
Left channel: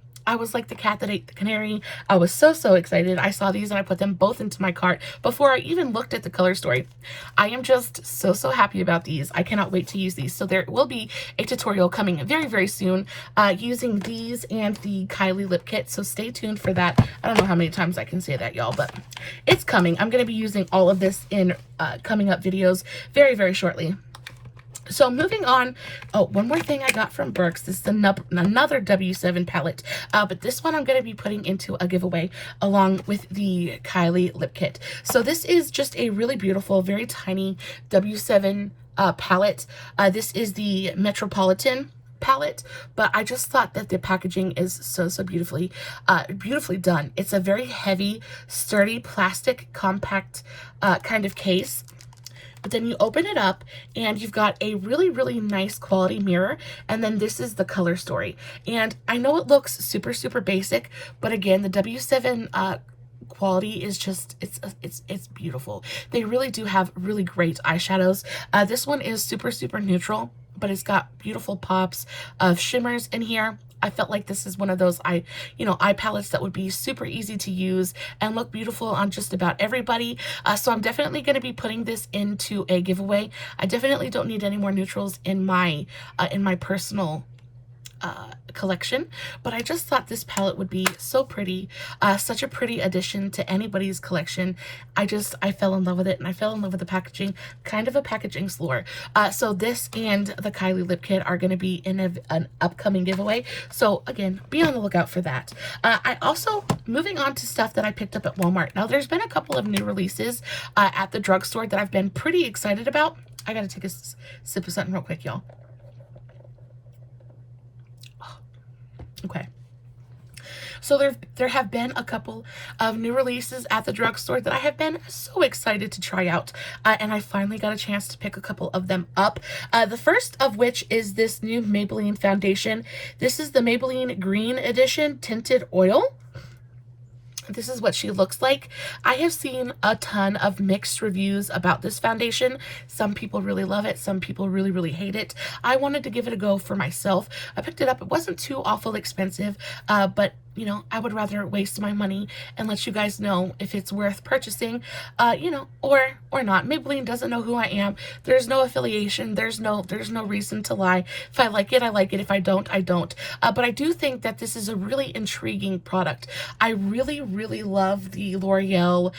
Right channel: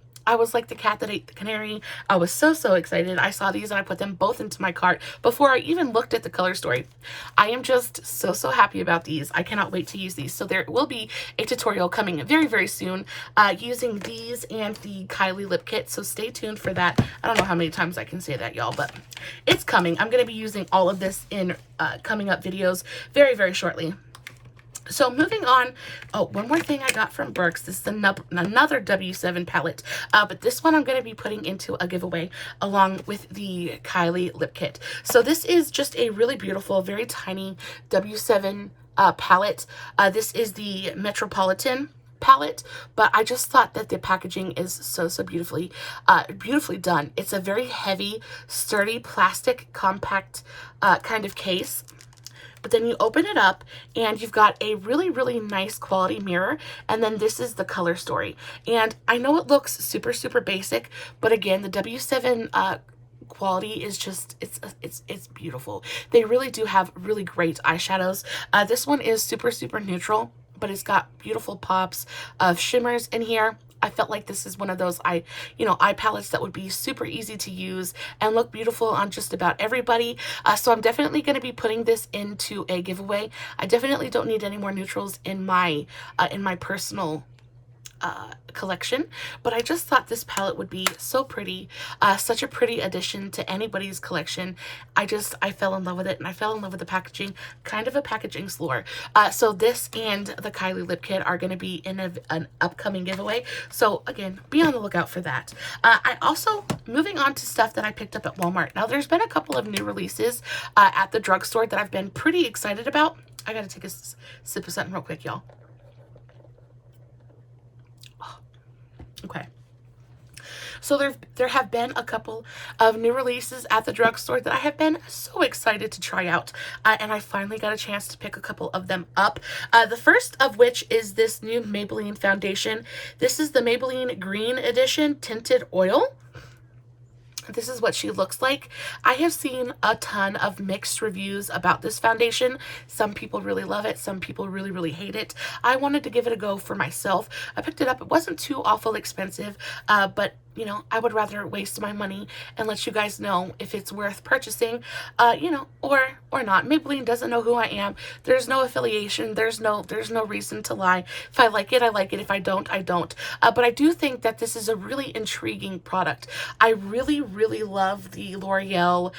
the cat that ate the canary. I was so excited. I saw these and I put them both into my cart before I even looked at the color story. I am just so happy about these. I cannot wait to use these. So there will be a tutorial coming very soon using these and the Kylie Lip Kit. So stay tuned for that. I don't know how many times I can say that, y'all, but it's coming. I'm going to be using all of this in coming up videos very shortly. So moving on, one more thing I got from Burke's. This is another W7 palette, but this one I'm going to be putting into a giveaway along with the Kylie Lip Kit. So this is just a really beautiful, very tiny W7 palette. This is the Metropolitan Palette, but I just thought that the packaging is so beautifully done. It's a very heavy, sturdy, plastic, compact kind of case. But then you open it up and you've got a really nice quality mirror, and then this is the color story. And I know it looks super basic, but again, the W7 quality is just, it's beautiful. They really do have really great eyeshadows. This one is super neutral, but it's got beautiful pops of shimmers in here. I felt like this is one of those eye palettes that would be super easy to use and look beautiful on just about everybody. So I'm definitely going to be putting this into a giveaway. I definitely don't need any more neutrals in my personal collection, but I just thought this palette would be so pretty, such a pretty addition to anybody's collection. I fell in love with it, and I fell in love with the packaging, kind of a packaging slore. So this and the Kylie Lip Kit are going to be in an upcoming giveaway, so again, be on the lookout for that. I also, moving on to stuff that I picked up at Walmart. Now there's been a couple of new releases at the drugstore that I've been pretty excited about. I gotta take a sip of something real quick, y'all. Okay. So there have been a couple of new releases at the drugstore that I have been so excited to try out, and I finally got a chance to pick a couple of them up. The first of which is this new Maybelline Foundation. This is the Maybelline Green Edition Tinted Oil. This is what she looks like. I have seen a ton of mixed reviews about this foundation. Some people really love it. Some people really, really hate it. I wanted to give it a go for myself. I picked it up. It wasn't too awful expensive, but you know, I would rather waste my money and let you guys know if it's worth purchasing, you know, or not. Maybelline doesn't know who I am. There's no affiliation. There's no reason to lie. If I like it, I like it. If I don't, I don't. But I do think that this is a really intriguing product. I really, really love the L'Oreal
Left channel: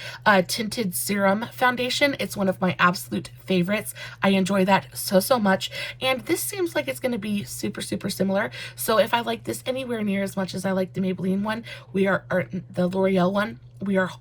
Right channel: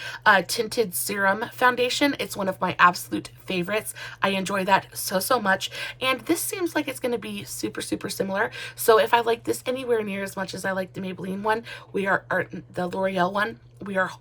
Tinted Serum Foundation. It's one of my absolute favorites. I enjoy that so much. And this seems like it's going to be super, super similar. So if I like this anywhere near as much as I like the Maybelline one, the L'Oreal one, we are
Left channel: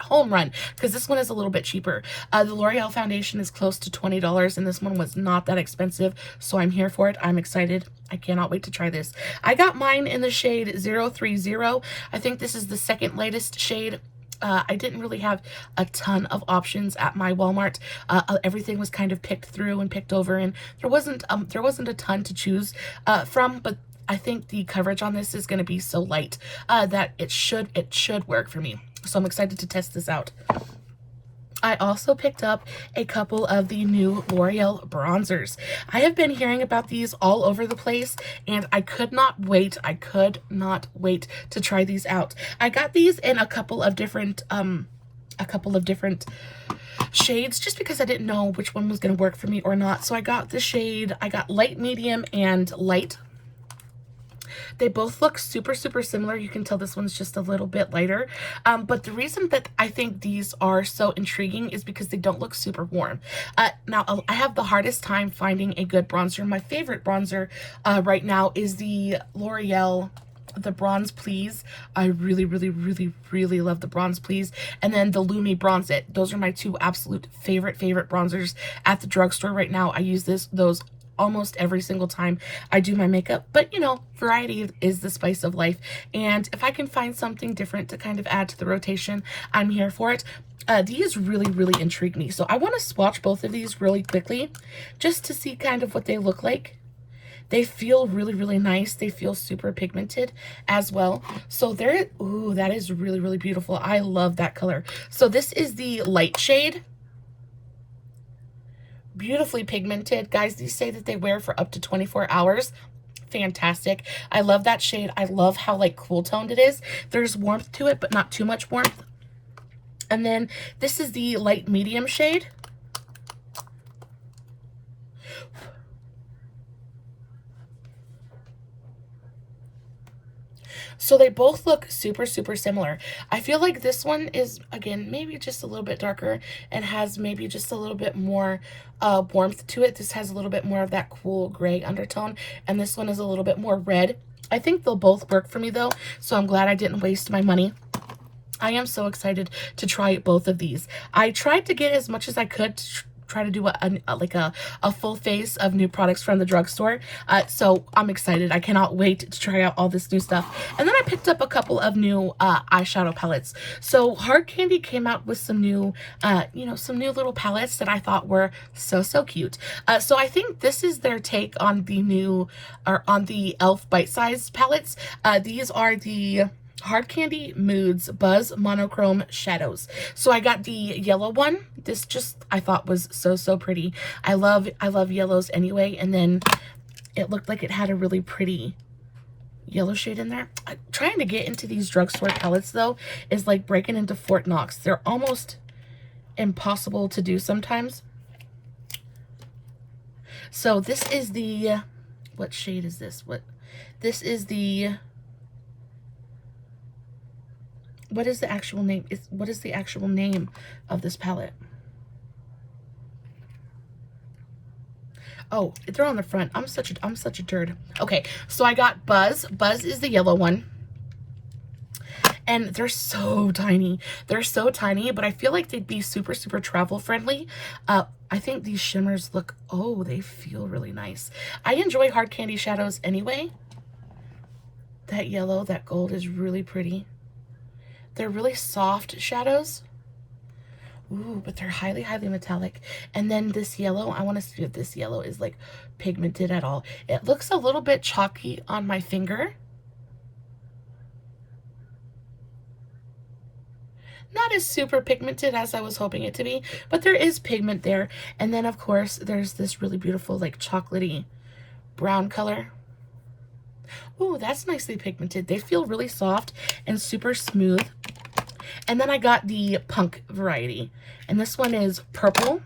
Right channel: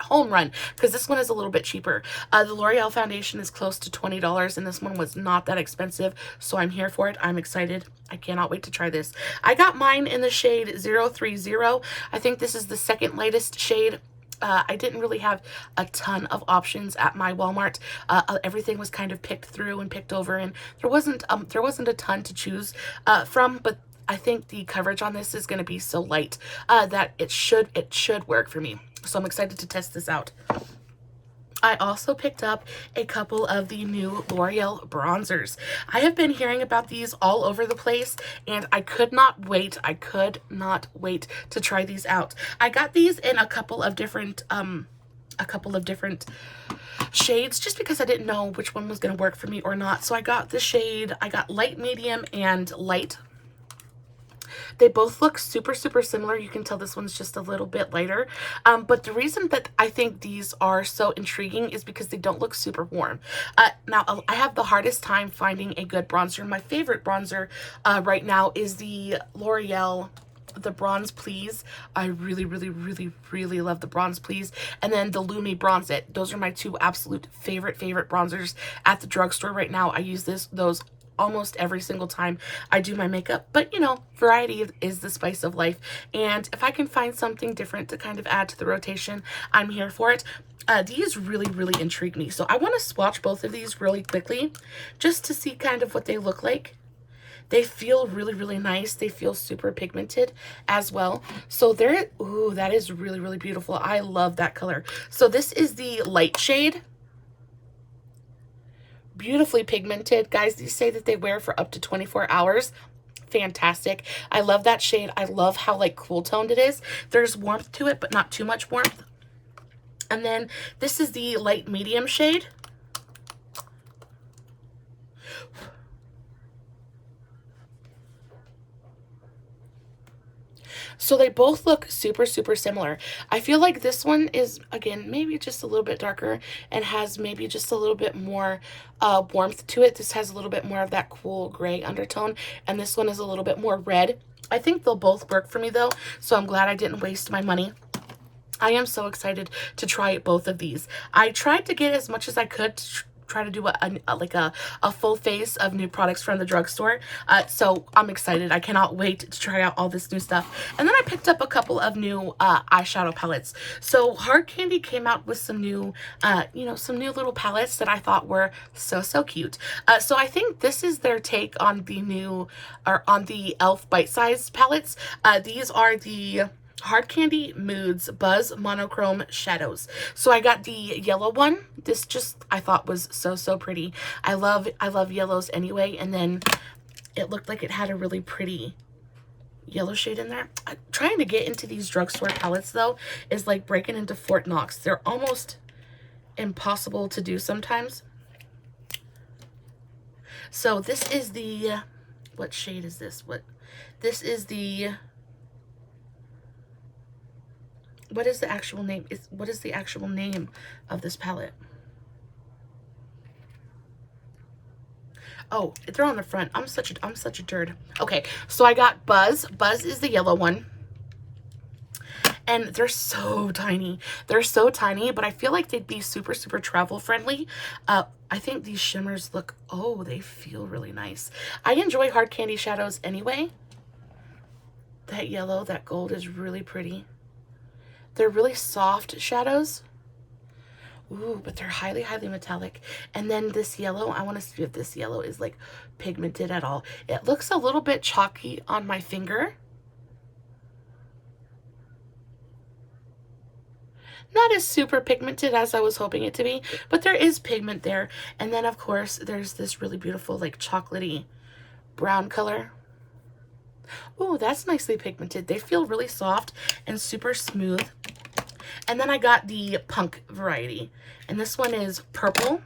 home run, because this one is a little bit cheaper. The L'Oreal foundation is close to $20, and this one was not that expensive, so I'm here for it. I'm excited. I cannot wait to try this. I got mine in the shade 030. I think this is the second latest shade. I didn't really have a ton of options at my Walmart. Everything was kind of picked through and picked over, and there wasn't a ton to choose from, but I think the coverage on this is going to be so light that it should work for me. So I'm excited to test this out. I also picked up a couple of the new L'Oreal bronzers. I have been hearing about these all over the place, and I could not wait. I could not wait to try these out. I got these in a couple of different shades, just because I didn't know which one was going to work for me or not. So I got light, medium, and light. They both look super, super similar. You can tell this one's just a little bit lighter. But the reason that I think these are so intriguing is because they don't look super warm. Now, I have the hardest time finding a good bronzer. My favorite bronzer right now is the L'Oreal, the Bronze Please. I really, really, really, really love the Bronze Please. And then the Lumi Bronze It. Those are my two absolute favorite bronzers at the drugstore right now. I use those almost every single time I do my makeup, but you know, variety is the spice of life, and if I can find something different to kind of add to the rotation, I'm here for it. These really, really intrigue me, so I want to swatch both of these really quickly just to see kind of what they look like. They feel really, really nice. They feel super pigmented as well. So ooh, that is really, really beautiful. I love that color. So this is the light shade. Beautifully pigmented. Guys, these say that they wear for up to 24 hours. Fantastic. I love that shade. I love how like cool toned it is. There's warmth to it, but not too much warmth. And then this is the light medium shade. So they both look super, super similar. I feel like this one is, again, maybe just a little bit darker and has maybe just a little bit more warmth to it. This has a little bit more of that cool gray undertone, and this one is a little bit more red. I think they'll both work for me though, so I'm glad I didn't waste my money. I am so excited to try both of these. I tried to get as much as I could to try to do a full face of new products from the drugstore. So I'm excited. I cannot wait to try out all this new stuff. And then I picked up a couple of new eyeshadow palettes. So Hard Candy came out with some new, some new little palettes that I thought were so cute. So I think this is their take on the new, or on the e.l.f. Bite Size palettes. These are the Hard Candy Moods Buzz Monochrome Shadows. So I got the yellow one. This just, I thought was so pretty. I love yellows anyway, and then it looked like it had a really pretty yellow shade in there. Trying to get into these drugstore palettes though is like breaking into Fort Knox. They're almost impossible to do sometimes. So this is the, what shade is this? This is the, what is the actual name? What is the actual name of this palette? Oh, they're on the front. I'm such a turd. Okay, so I got Buzz. Buzz is the yellow one. And they're so tiny. They're so tiny, but I feel like they'd be super travel friendly. I think these shimmers look, oh, they feel really nice. I enjoy Hard Candy shadows anyway. That yellow, that gold is really pretty. They're really soft shadows. Ooh, but they're highly, highly metallic. And then this yellow, I want to see if this yellow is like pigmented at all. It looks a little bit chalky on my finger. Not as super pigmented as I was hoping it to be, but there is pigment there. And then of course, there's this really beautiful like chocolatey brown color. Ooh, that's nicely pigmented. They feel really soft and super smooth. And then I got the punk variety, and this one is purple.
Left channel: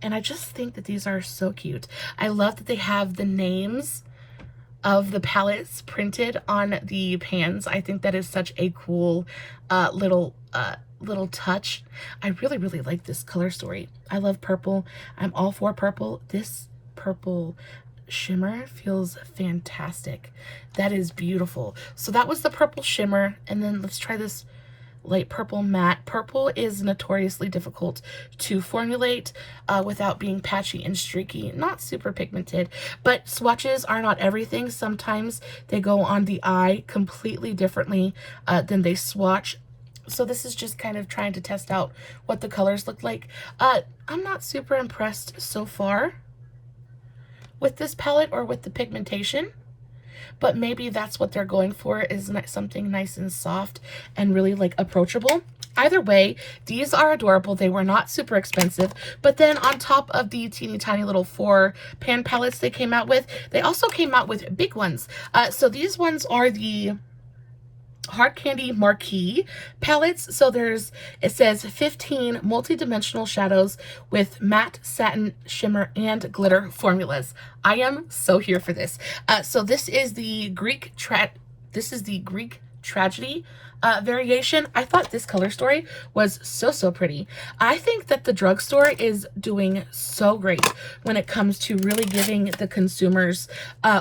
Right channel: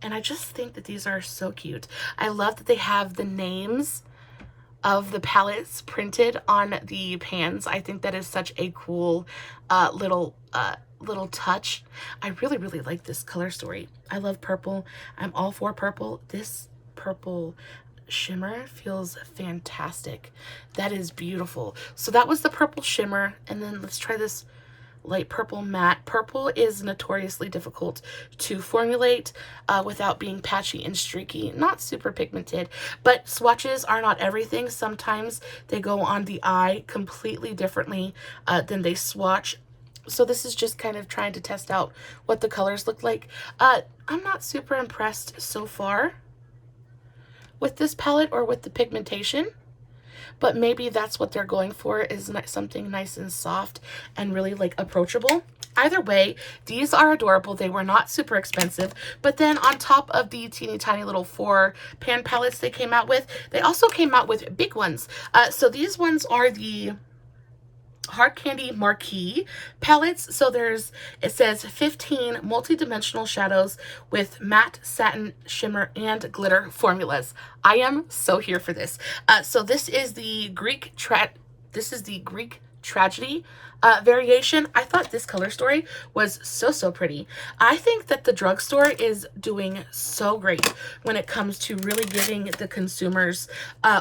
And I just think that these are so cute. I love that they have the names of the palettes printed on the pans. I think that is such a cool little touch. I really, really like this color story. I love purple. I'm all for purple. This purple shimmer feels fantastic. That is beautiful. So that was the purple shimmer, and then let's try this light purple matte. Purple is notoriously difficult to formulate without being patchy and streaky. Not super pigmented, but swatches are not everything. Sometimes they go on the eye completely differently than they swatch. So this is just kind of trying to test out what the colors look like. I'm not super impressed so far with this palette or with the pigmentation, but maybe that's what they're going for, is something nice and soft and really like approachable. Either way, these are adorable. They were not super expensive, but then on top of the teeny tiny little 4 pan palettes they came out with, they also came out with big ones. So these ones are the Hard Candy Marquee palettes. So it says 15 multi-dimensional shadows with matte, satin, shimmer, and glitter formulas. I am so here for this. So this is the Greek Tragedy variation. I thought this color story was so pretty. I think that the Drugstore is doing so great when it comes to really giving the consumers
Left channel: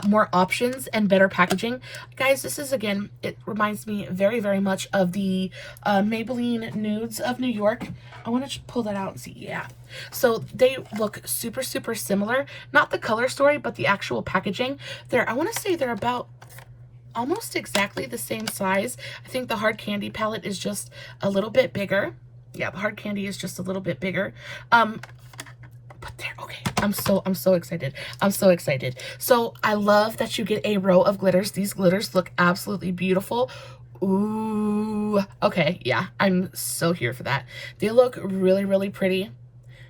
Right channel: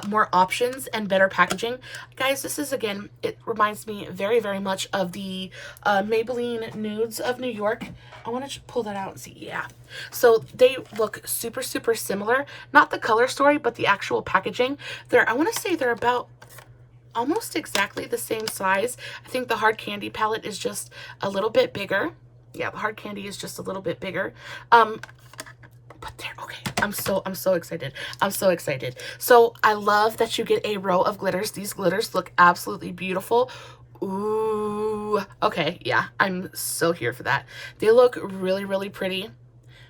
more options and better packaging. Guys, this is, again, it reminds me very, very much of the Maybelline Nudes of New York. I want to pull that out and see. Yeah. So they look super similar. Not the color story, but the actual packaging. I want to say they're about almost exactly the same size. I think the Hard Candy palette is just a little bit bigger. Yeah, the Hard Candy is just a little bit bigger. But they're okay. I'm so excited. I'm so excited. So I love that you get a row of glitters. These glitters look absolutely beautiful. Ooh, okay, yeah, I'm so here for that. They look really pretty.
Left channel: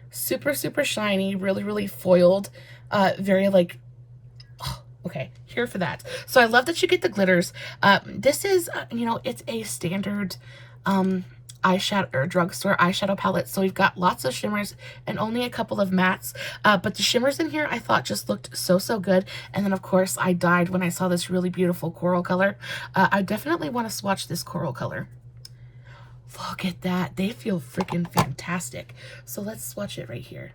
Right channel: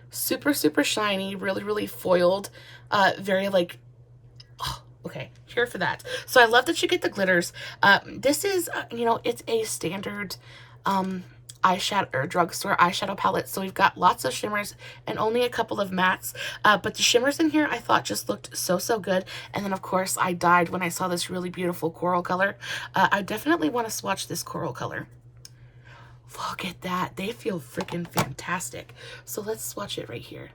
Super shiny, really foiled. Very like, oh, okay, here for that. So I love that you get the glitters. This is, you know, it's a standard eyeshadow or drugstore eyeshadow palette. So we've got lots of shimmers and only a couple of mattes. But the shimmers in here I thought just looked so good. And then of course I died when I saw this really beautiful coral color. I definitely want to swatch this coral color. Look at that. They feel freaking fantastic. So let's swatch it right here.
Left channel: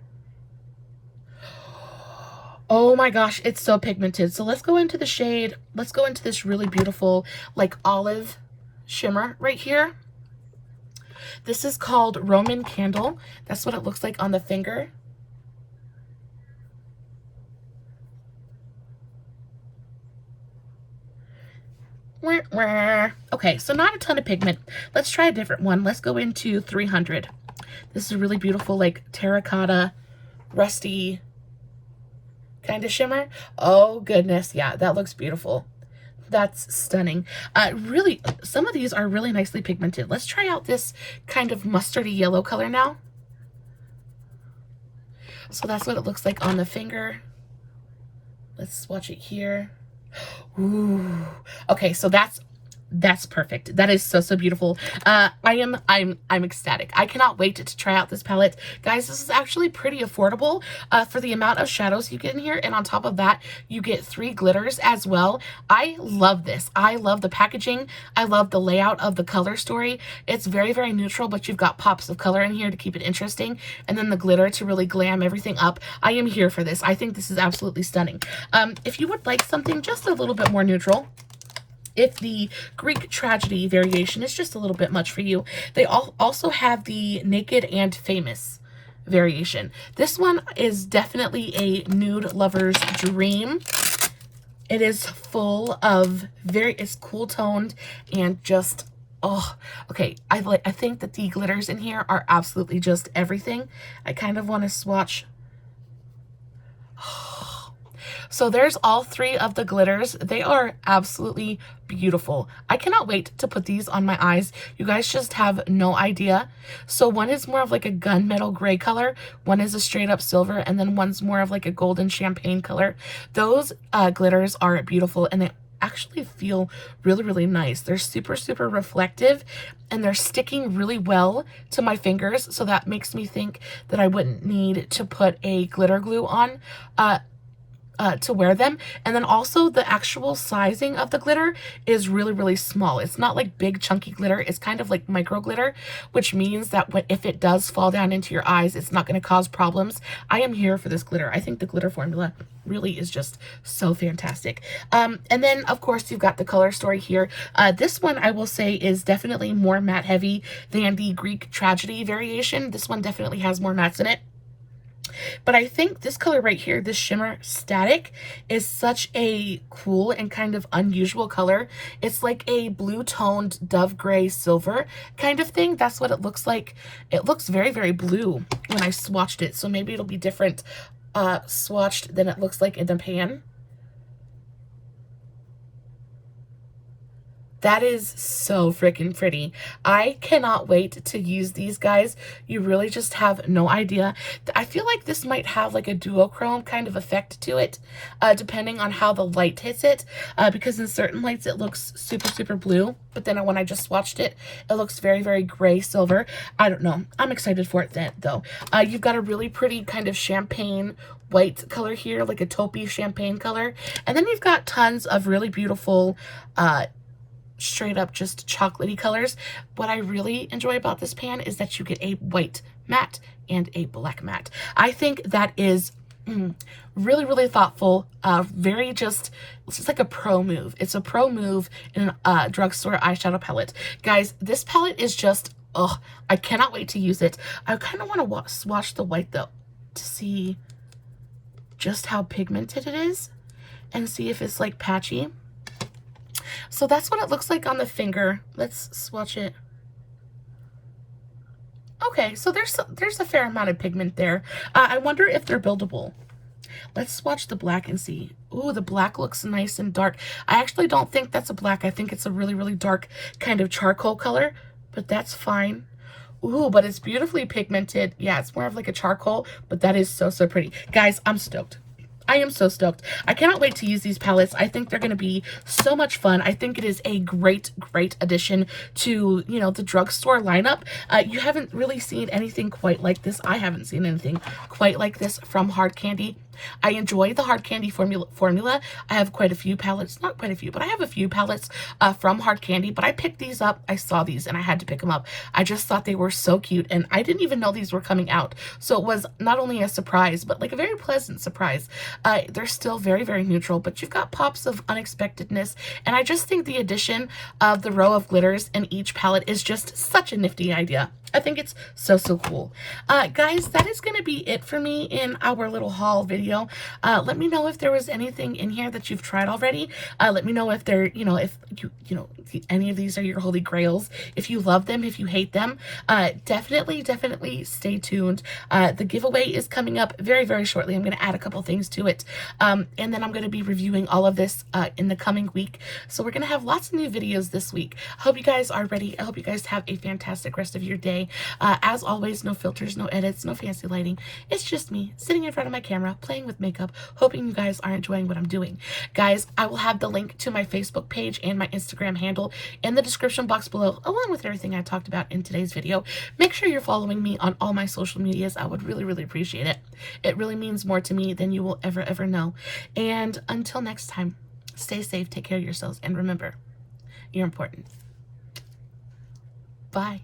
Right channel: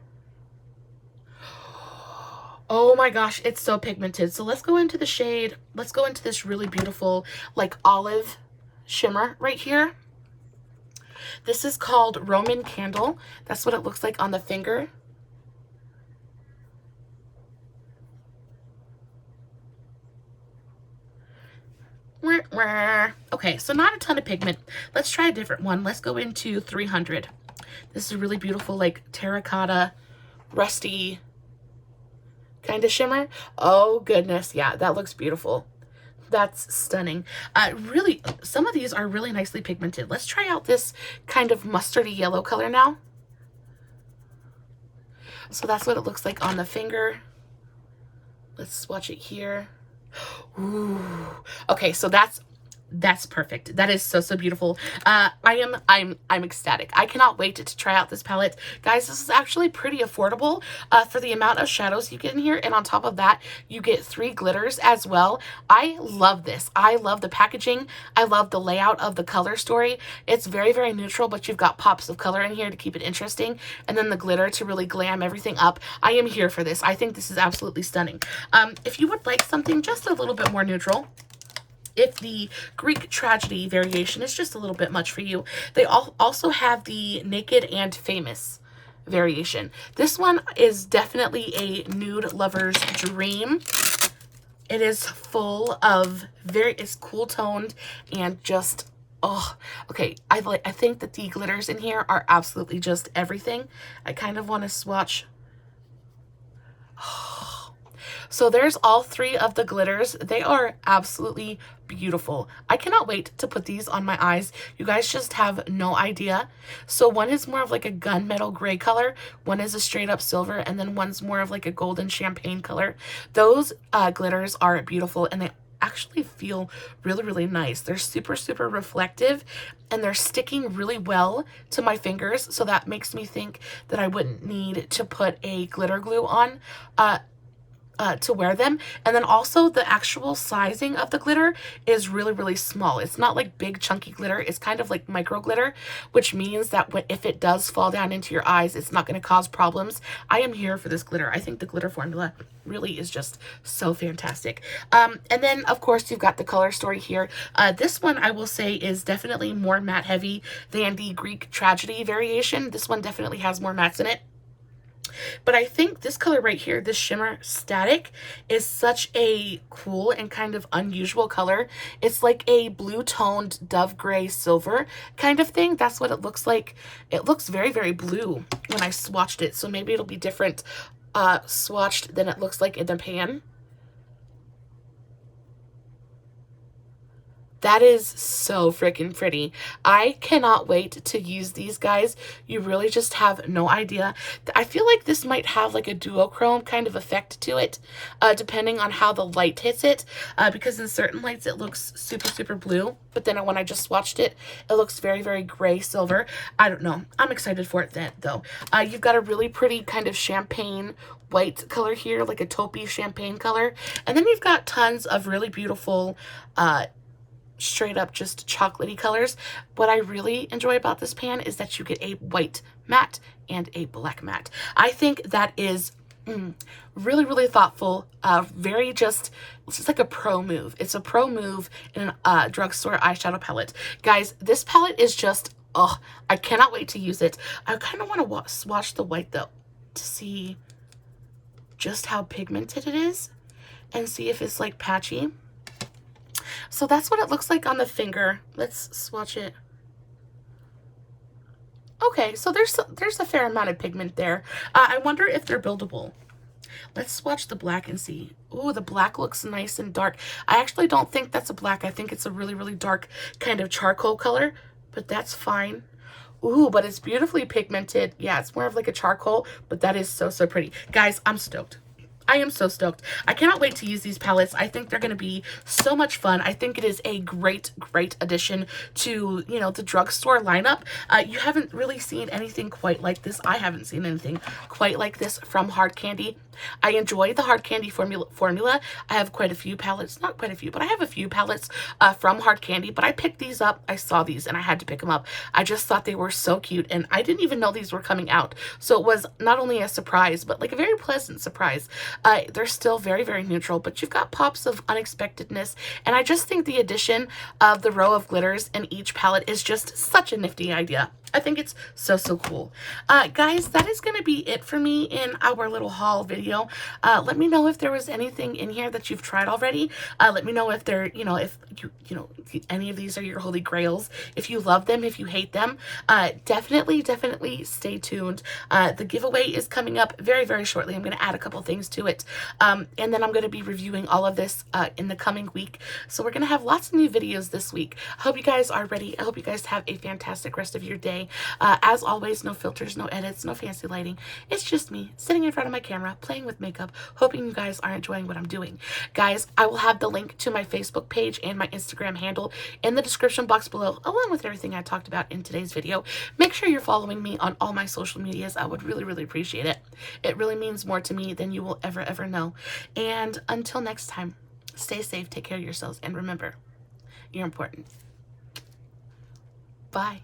Oh my gosh, it's so pigmented. So let's go into the shade. Let's go into this really beautiful like olive shimmer right here. This is called Roman Candle. That's what it looks like on the finger. Okay, so not a ton of pigment. Let's try a different one. Let's go into 300. This is a really beautiful like terracotta, rusty kind of shimmer. Oh goodness, yeah, that looks beautiful. That's stunning. Really, some of these are really nicely pigmented. Let's try out this kind of mustardy yellow color now. So that's what it looks like on the finger. Let's swatch it here. Ooh. Okay, so that's perfect. That is so beautiful. I'm ecstatic. I cannot wait to try out this palette. Guys, this is actually pretty affordable for the amount of shadows you get in here, and on top of that you get 3 glitters as well. I love this. I love the packaging. I love the layout of the color story. It's very neutral, but you've got pops of color in here to keep it interesting, and then the glitter to really glam everything up. I am here for this. I think this is absolutely stunning. If you would like something just a little bit more neutral, if the Greek Tragedy variation is just a little bit much for you, they also have the Naked and Famous variation. This one is definitely a nude lover's dream. It is full of it's cool toned and just, oh, okay. I think that the glitters in here are absolutely just everything. I kind of want to swatch. So there's all three of the glitters. They are absolutely beautiful. I cannot wait to put these on my eyes. You guys just have no idea. So one is more of like a gunmetal gray color, one is a straight up silver, and then one's more of like a golden champagne color. Those glitters are beautiful, and they actually feel really, really nice. They're super, super reflective, and they're sticking really well to my fingers. So that makes me think that I wouldn't need to put a glitter glue on to wear them. And then also the actual sizing of the glitter is really, really small. It's not like big chunky glitter. It's kind of like micro glitter, which means that if it does fall down into your eyes, it's not going to cause problems. I am here for this glitter. I think the glitter formula really is just so fantastic. And then of course you've got the color story here. This one I will say is definitely more matte heavy than the Greek tragedy variation. This one definitely has more mattes in it. But I think this color right here, this shimmer static, is such a cool and kind of unusual color. It's like a blue toned dove gray silver kind of thing. That's what it looks like. It looks very, very blue when I swatched it. So maybe it'll be different swatched than it looks like in the pan. That is so freaking pretty. I cannot wait to use these, guys. You really just have no idea. I feel like this might have like a duochrome kind of effect to it, depending on how the light hits it, because in certain lights it looks super, super blue, but then when I just swatched it, it looks very, very gray silver. I don't know. I'm excited for it then, though. You've got a really pretty kind of champagne white color here, like a taupey champagne color, and then you've got tons of really beautiful straight up just chocolatey colors. What I really enjoy about this pan is that you get a white matte and a black matte. I think that is really, really thoughtful. Very just, it's just like a pro move. It's a pro move in a drugstore eyeshadow palette. Guys, this palette is just, oh, I cannot wait to use it. I kind of want to swatch the white though to see just how pigmented it is and see if it's like patchy. So that's what it looks like on the finger. Let's swatch it. Okay, so there's a fair amount of pigment there. I wonder if they're buildable. Let's swatch the black and see. Ooh, the black looks nice and dark. I actually don't think that's a black. I think it's a really, really dark kind of charcoal color, but that's fine. Ooh, but it's beautifully pigmented. Yeah, it's more of like a charcoal, but that is so, so pretty. Guys, I'm stoked. I am so stoked. I cannot wait to use these palettes. I think they're going to be so much fun. I think it is a great, great addition to, you know, the drugstore lineup. You haven't really seen anything quite like this. I haven't seen anything quite like this from Hard Candy. I enjoy the Hard Candy formula. I have quite a few palettes, not quite a few, but I have a few palettes from Hard Candy, but I picked these up. I saw these and I had to pick them up. I just thought they were so cute, and I didn't even know these were coming out. So it was not only a surprise, but like a very pleasant surprise. They're still very, very neutral, but you've got pops of unexpectedness, and I just think the addition of the row of glitters in each palette is just such a nifty idea. I think it's so, so cool. Guys, that is going to be it for me in our little haul video. Let me know if there was anything in here that you've tried already. Let me know if they're, if any of these are your holy grails, if you love them, if you hate them. Definitely stay tuned. The giveaway is coming up very, very shortly. I'm going to add a couple things to it. And then I'm going to be reviewing all of this in the coming week. So we're going to have lots of new videos this week. I hope you guys are ready. I hope you guys have a fantastic rest of your day. As always, no filters, no edits, no fancy lighting. It's just me sitting in front of my camera, playing with makeup, hoping you guys are enjoying what I'm doing. Guys, I will have the link to my Facebook page and my Instagram handle in the description box below, along with everything I talked about in today's video. Make sure you're following me on all my social medias. I would really, really appreciate it. It really means more to me than you will ever know. And until next time, stay safe, take care of yourselves, and remember, you're important. Bye.